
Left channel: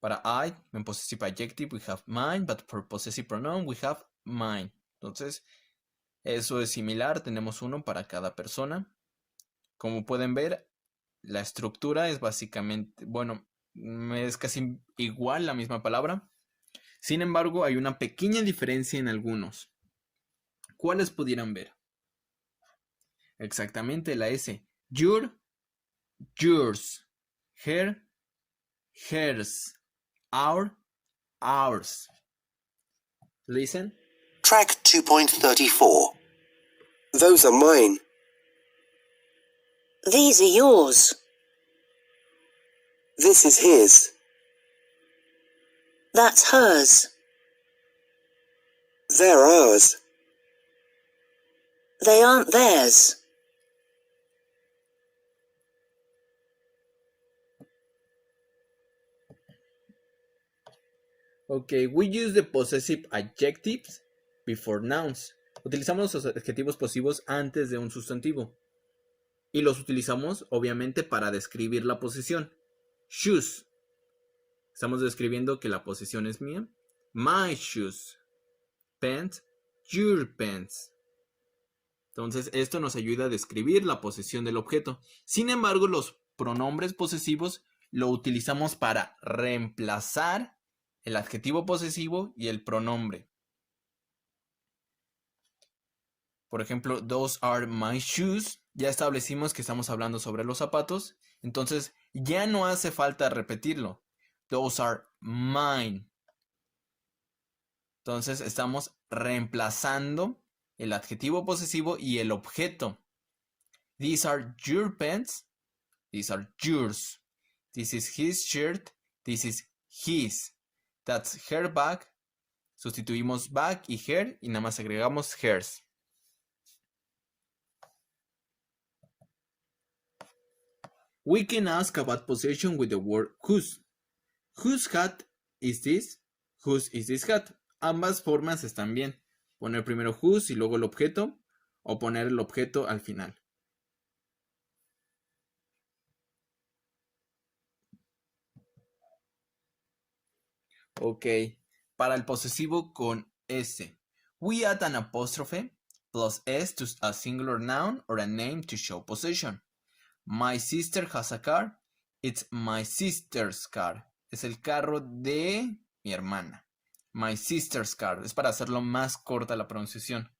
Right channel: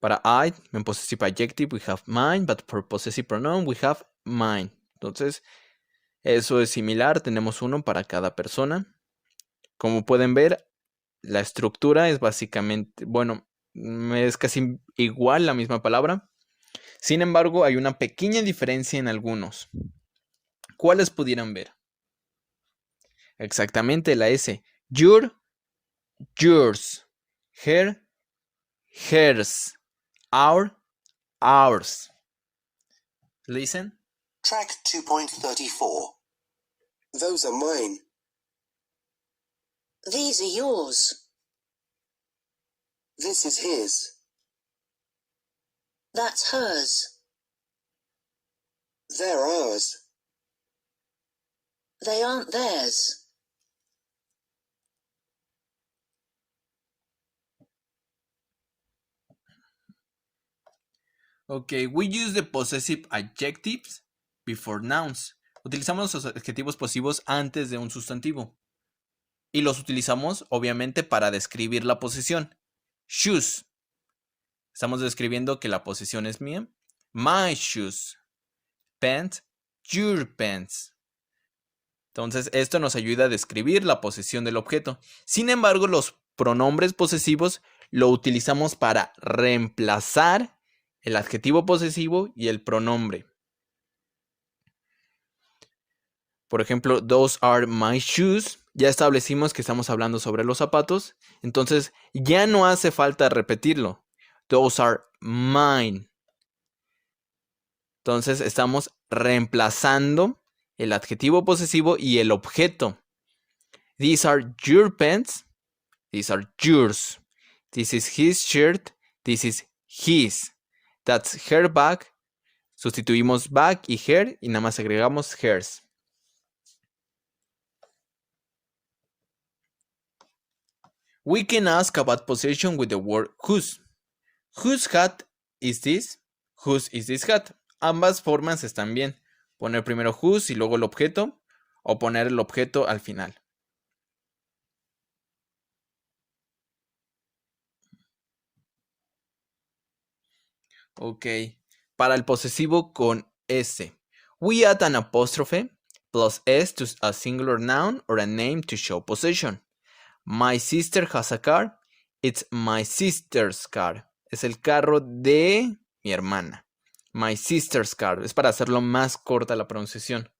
Para I, en possessive adjective, we have mine, but for possessive pronoun, we have mine. Entonces, eso es similar, tenemos uno para cada persona. Como pueden ver, la estructura es básicamente, bueno, es casi igual la misma palabra. Sin embargo, hay una pequeña diferencia en algunos. ¿Cuáles pudieran ver? Exactamente la S. Your, yours. Her, hers. Our, ours. Listen. Track 2.34. Those are mine. These are yours. This is his. That's hers. They're ours. They aren't theirs. Okay, we use the possessive adjectives before nouns. Utilizamos los adjetivos posesivos antes de un sustantivo. Y los utilizamos, obviamente, para describir la posesión. Shoes. Estamos describiendo que la posesión es mía. My shoes. Pants, your pants. Entonces, esto nos ayuda a describir la posesión del objeto. Sin embargo, los pronombres posesivos lo utilizamos para reemplazar el adjetivo posesivo y el pronombre. Por ejemplo, those are my shoes. Ya establecimos que estamos hablando sobre los zapatos. Entonces, ya no hace falta repetirlo. Those are mine. Entonces, estamos reemplazando el adjetivo posesivo y el objeto. These are your pants. These are yours. This is his shirt. This is his. That's her bag. Sustituimos bag y her y nada más agregamos hers. We can ask about possession with the word whose. Whose hat is this? Whose is this hat? Ambas formas están bien. Poner primero whose y luego el objeto o poner el objeto al final. Ok. Para el posesivo con S. We add an apostrophe plus S to a singular noun or a name to show possession. My sister has a car. It's my sister's car. Es el carro de mi hermana. My sister's car. Es para hacerlo más corta la pronunciación.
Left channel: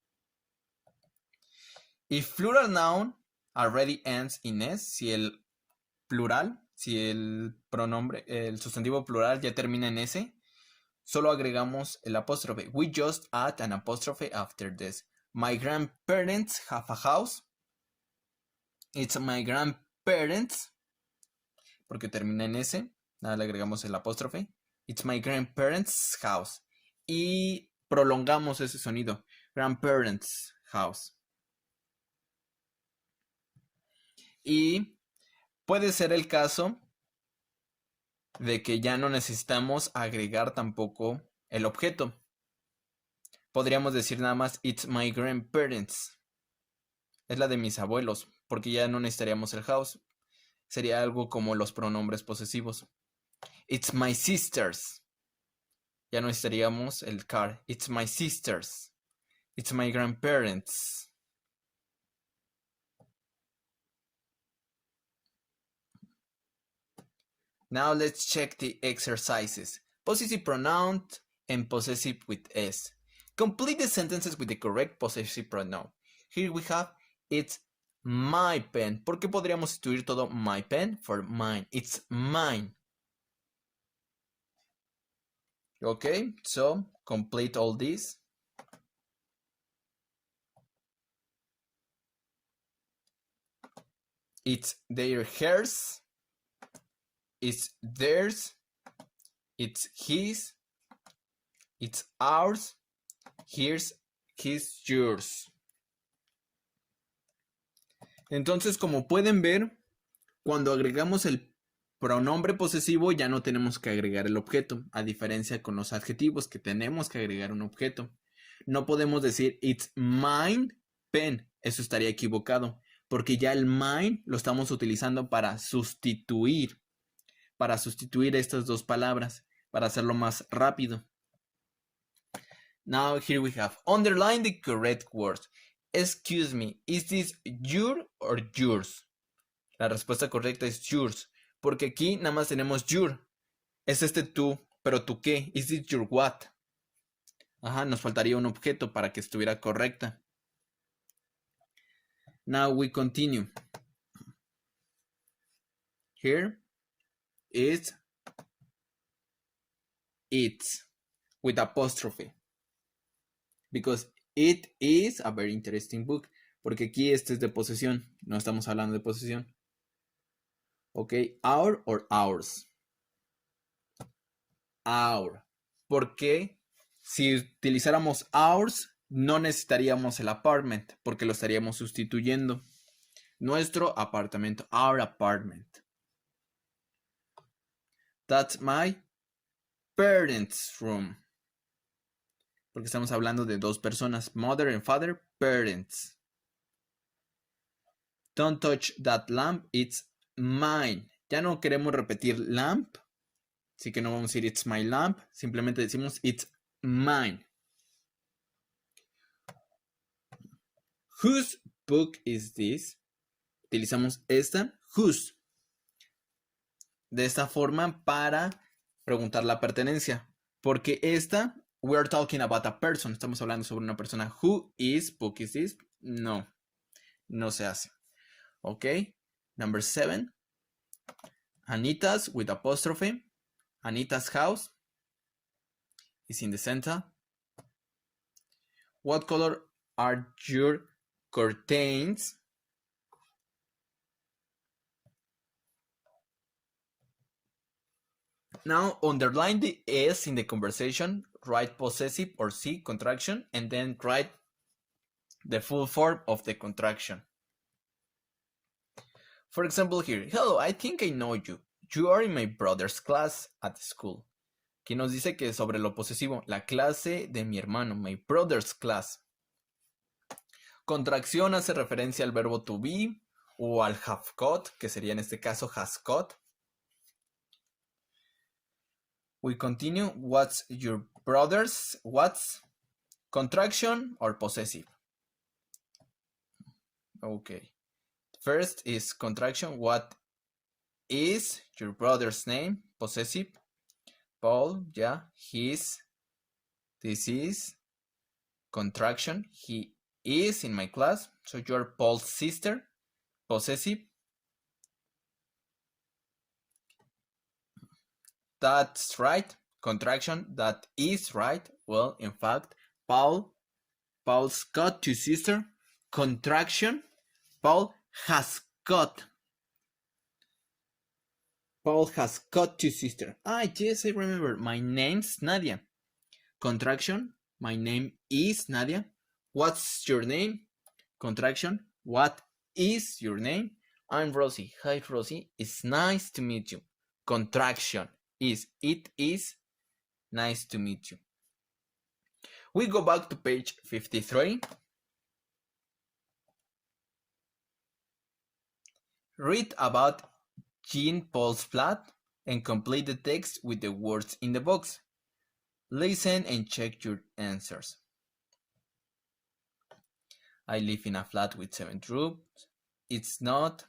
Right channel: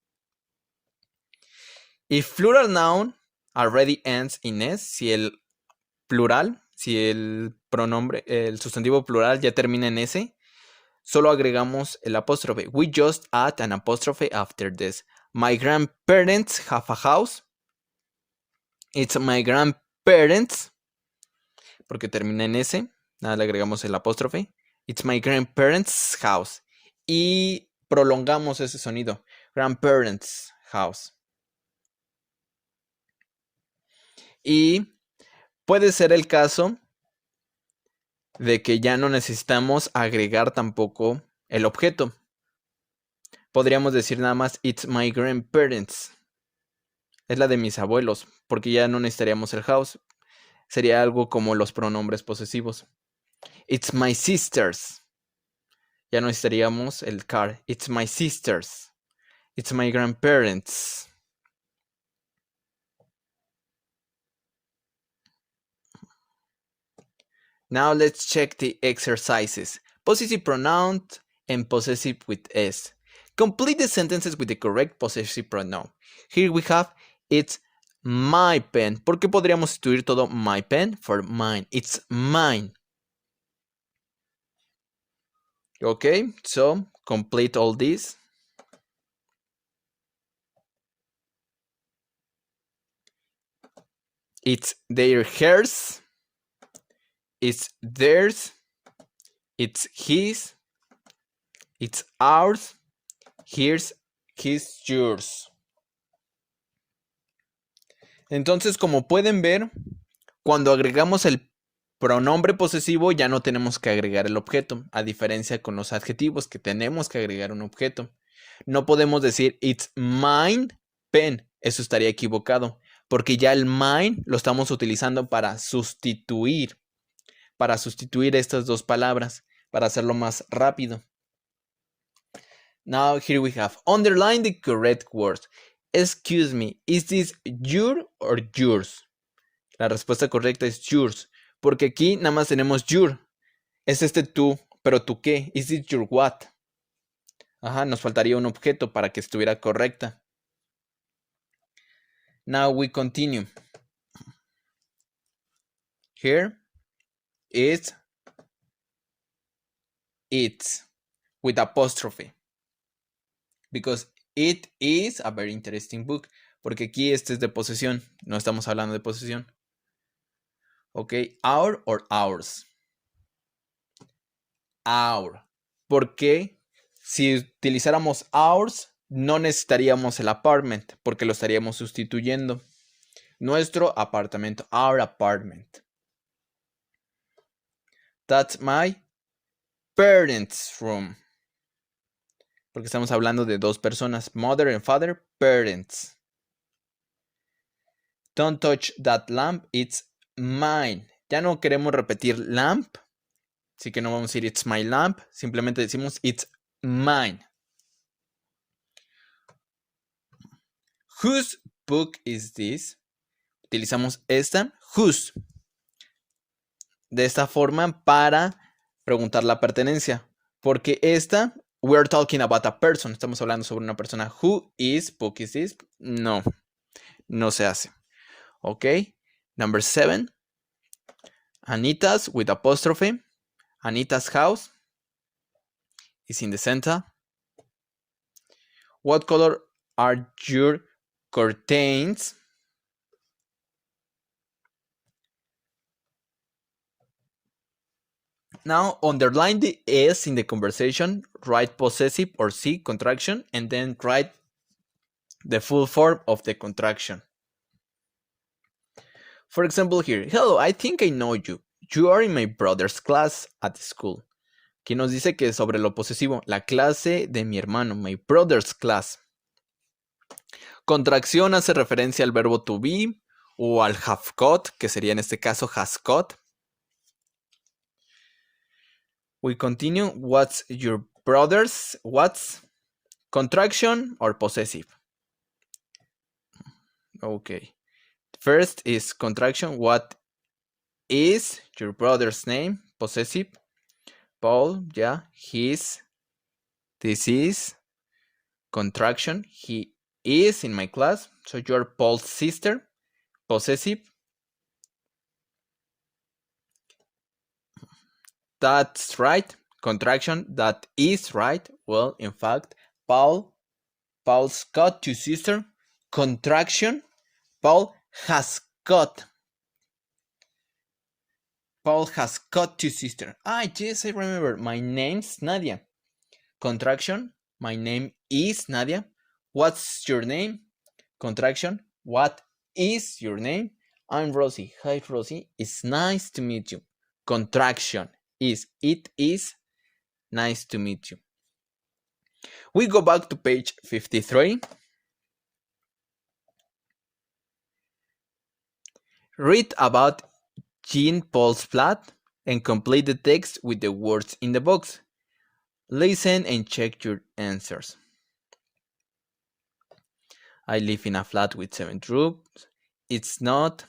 If plural noun already ends in S, si el plural, si el pronombre, el sustantivo plural ya termina en S, solo agregamos el apóstrofe. We just add an apostrophe after this. My grandparents have a house. It's my grandparents. Porque termina en S. Nada, le agregamos el apóstrofe. It's my grandparents' house. Y prolongamos ese sonido. Grandparents' house. Y puede ser el caso de que ya no necesitamos agregar tampoco el objeto. Podríamos decir nada más, it's my grandparents. Es la de mis abuelos, porque ya no necesitaríamos el house. Sería algo como los pronombres posesivos. It's my sister's. Ya no necesitaríamos el car. It's my sister's. It's my grandparents. Now let's check the exercises. Possessive pronoun and possessive with S. Complete the sentences with the correct possessive pronoun. Here we have it's my pen. ¿Por qué podríamos sustituir todo my pen for mine? It's mine. Okay, so complete all this. It's their hers. It's theirs. It's his. It's ours. Here's his, yours. Entonces, como pueden ver, cuando agregamos el pronombre posesivo ya no tenemos que agregar el objeto, a diferencia con los adjetivos que tenemos que agregar un objeto. No podemos decir it's mine pen, eso estaría equivocado, porque ya el mine lo estamos utilizando para sustituir estas dos palabras, para hacerlo más rápido. Now here we have, underline the correct words. Excuse me, is this your or yours? La respuesta correcta es yours, porque aquí nada más tenemos your. Es tú, pero ¿tú qué? Is it your what? Ajá, nos faltaría un objeto para que estuviera correcta. Now we continue. Here is it's with apostrophe. Because it is a very interesting book. Porque aquí este es de posesión. No estamos hablando de posesión. Ok, our or ours. Our. Porque si utilizáramos ours, no necesitaríamos el apartment. Porque lo estaríamos sustituyendo. Nuestro apartamento. Our apartment. That's my parents' room. Porque estamos hablando de dos personas. Mother and father, parents. Don't touch that lamp, it's mine. Ya no queremos repetir lamp. Así que no vamos a decir it's my lamp. Simplemente decimos it's mine. Whose book is this? Utilizamos esta, whose, de esta forma para preguntar la pertenencia. Porque esta, we're talking about a person. Estamos hablando sobre una persona. Who is book is this? No, no se hace. Ok. Number 7. Anita's with apostrophe. Anita's house is in the center. What color are your curtains? Now underline the S in the conversation, write possessive or C contraction, and then write the full form of the contraction. For example here, hello, I think I know you. You are in my brother's class at school. Aquí nos dice que sobre lo posesivo, la clase de mi hermano, my brother's class. Contracción hace referencia al verbo to be o al have got, que sería en este caso has got. We continue. What's your brother's? What's contraction or possessive? Okay. First is contraction. What is your brother's name? Possessive. Paul, yeah. His. This is contraction. He is in my class. So you're Paul's sister. Possessive. That's right. Contraction. That is right. Well, in fact, Paul's got two sisters. Contraction. Paul has got two sisters. Ah, yes, I remember. My name's Nadia. Contraction. My name is Nadia. What's your name? Contraction. What is your name? I'm Rosie. Hi, Rosie. It's nice to meet you. Contraction is it is nice to meet you. We go back to page 53. Read about Jean-Paul's flat and complete the text with the words in the box. Listen and check your answers. I live in a flat with 7 rooms. It's not.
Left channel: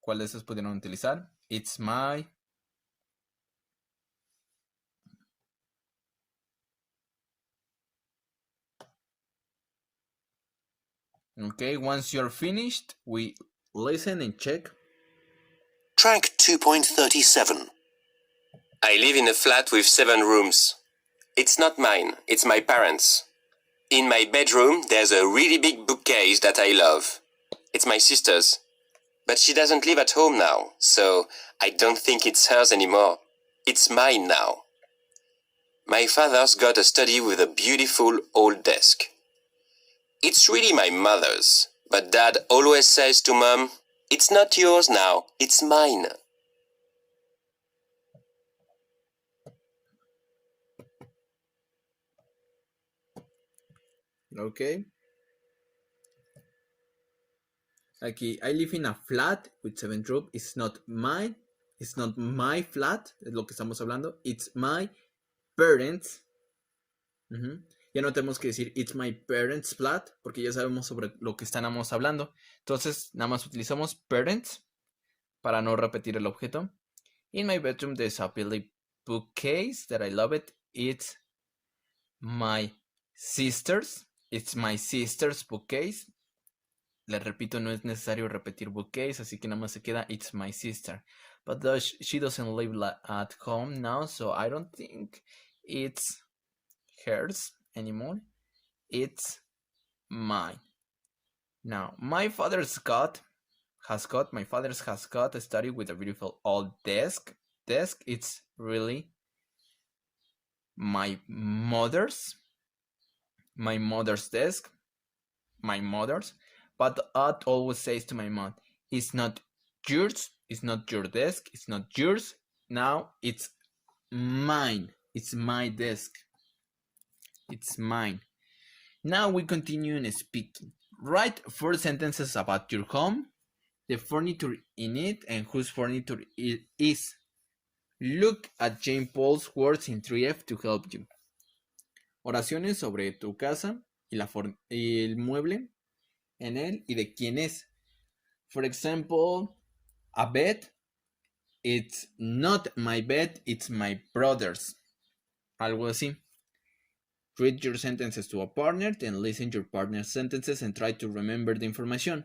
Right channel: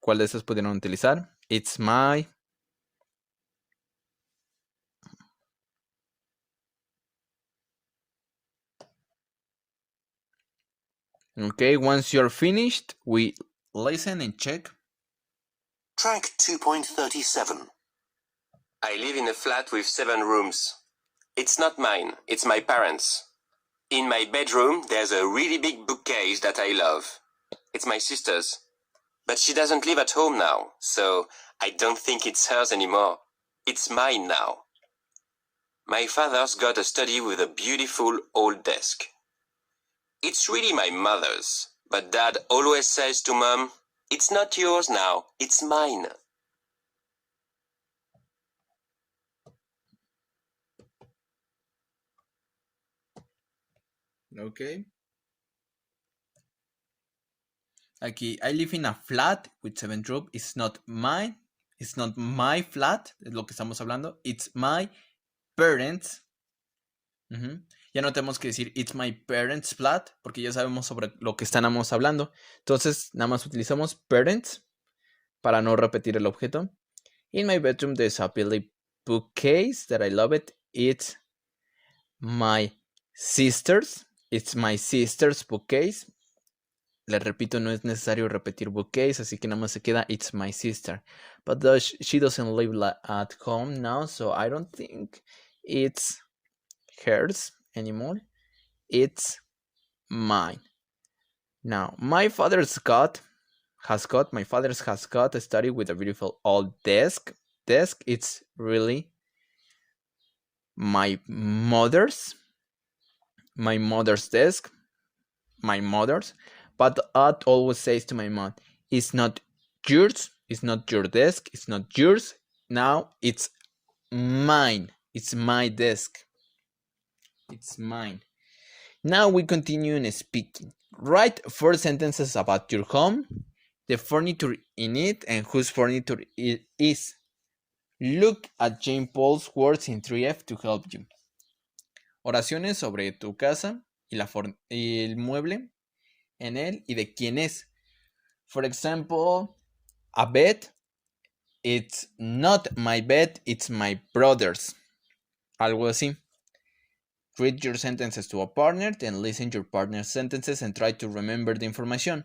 ¿Cuál de esos pudieron utilizar? It's my. Okay, once you're finished, we listen and check. Track 2.37. I live in a flat with 7 rooms. It's not mine, it's my parents'. In my bedroom, there's a really big bookcase that I love. It's my sister's. But she doesn't live at home now, so I don't think it's hers anymore. It's mine now. My father's got a study with a beautiful old desk. It's really my mother's, but Dad always says to Mom, "It's not yours now, it's mine." Okay. Aquí, I live in a flat with 7 rooms. It's not mine. It's not my flat. Es lo que estamos hablando. It's my parents. Ya no tenemos que decir it's my parents' flat porque ya sabemos sobre lo que estamos hablando. Entonces, nada más utilizamos parents para no repetir el objeto. In my bedroom, there's a Billy bookcase that I love it. It's my sister's. It's my sister's bookcase. Le repito, no es necesario repetir bookcase, así que nada más se queda it's my sister. But she doesn't live at home now, so I don't think it's hers anymore. It's mine. Now, my father's has got a study with a beautiful old desk. It's really my mother's desk. My mother's. But Dad always says to my mom, it's not yours, it's not your desk, it's not yours. Now it's mine. It's my desk. It's mine. Now we continue in speaking. Write 4 sentences about your home, the furniture in it, and whose furniture it is. Look at Jane Paul's words in 3F to help you. Oraciones sobre tu casa y el mueble en él y de quién es. For example, a bed, it's not my bed, it's my brother's. Algo así. Read your sentences to a partner, then listen your partner's sentences and try to remember the information.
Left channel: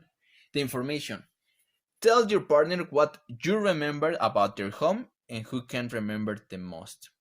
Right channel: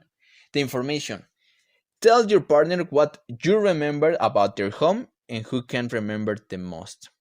Tell your partner what you remember about their home and who can remember the most.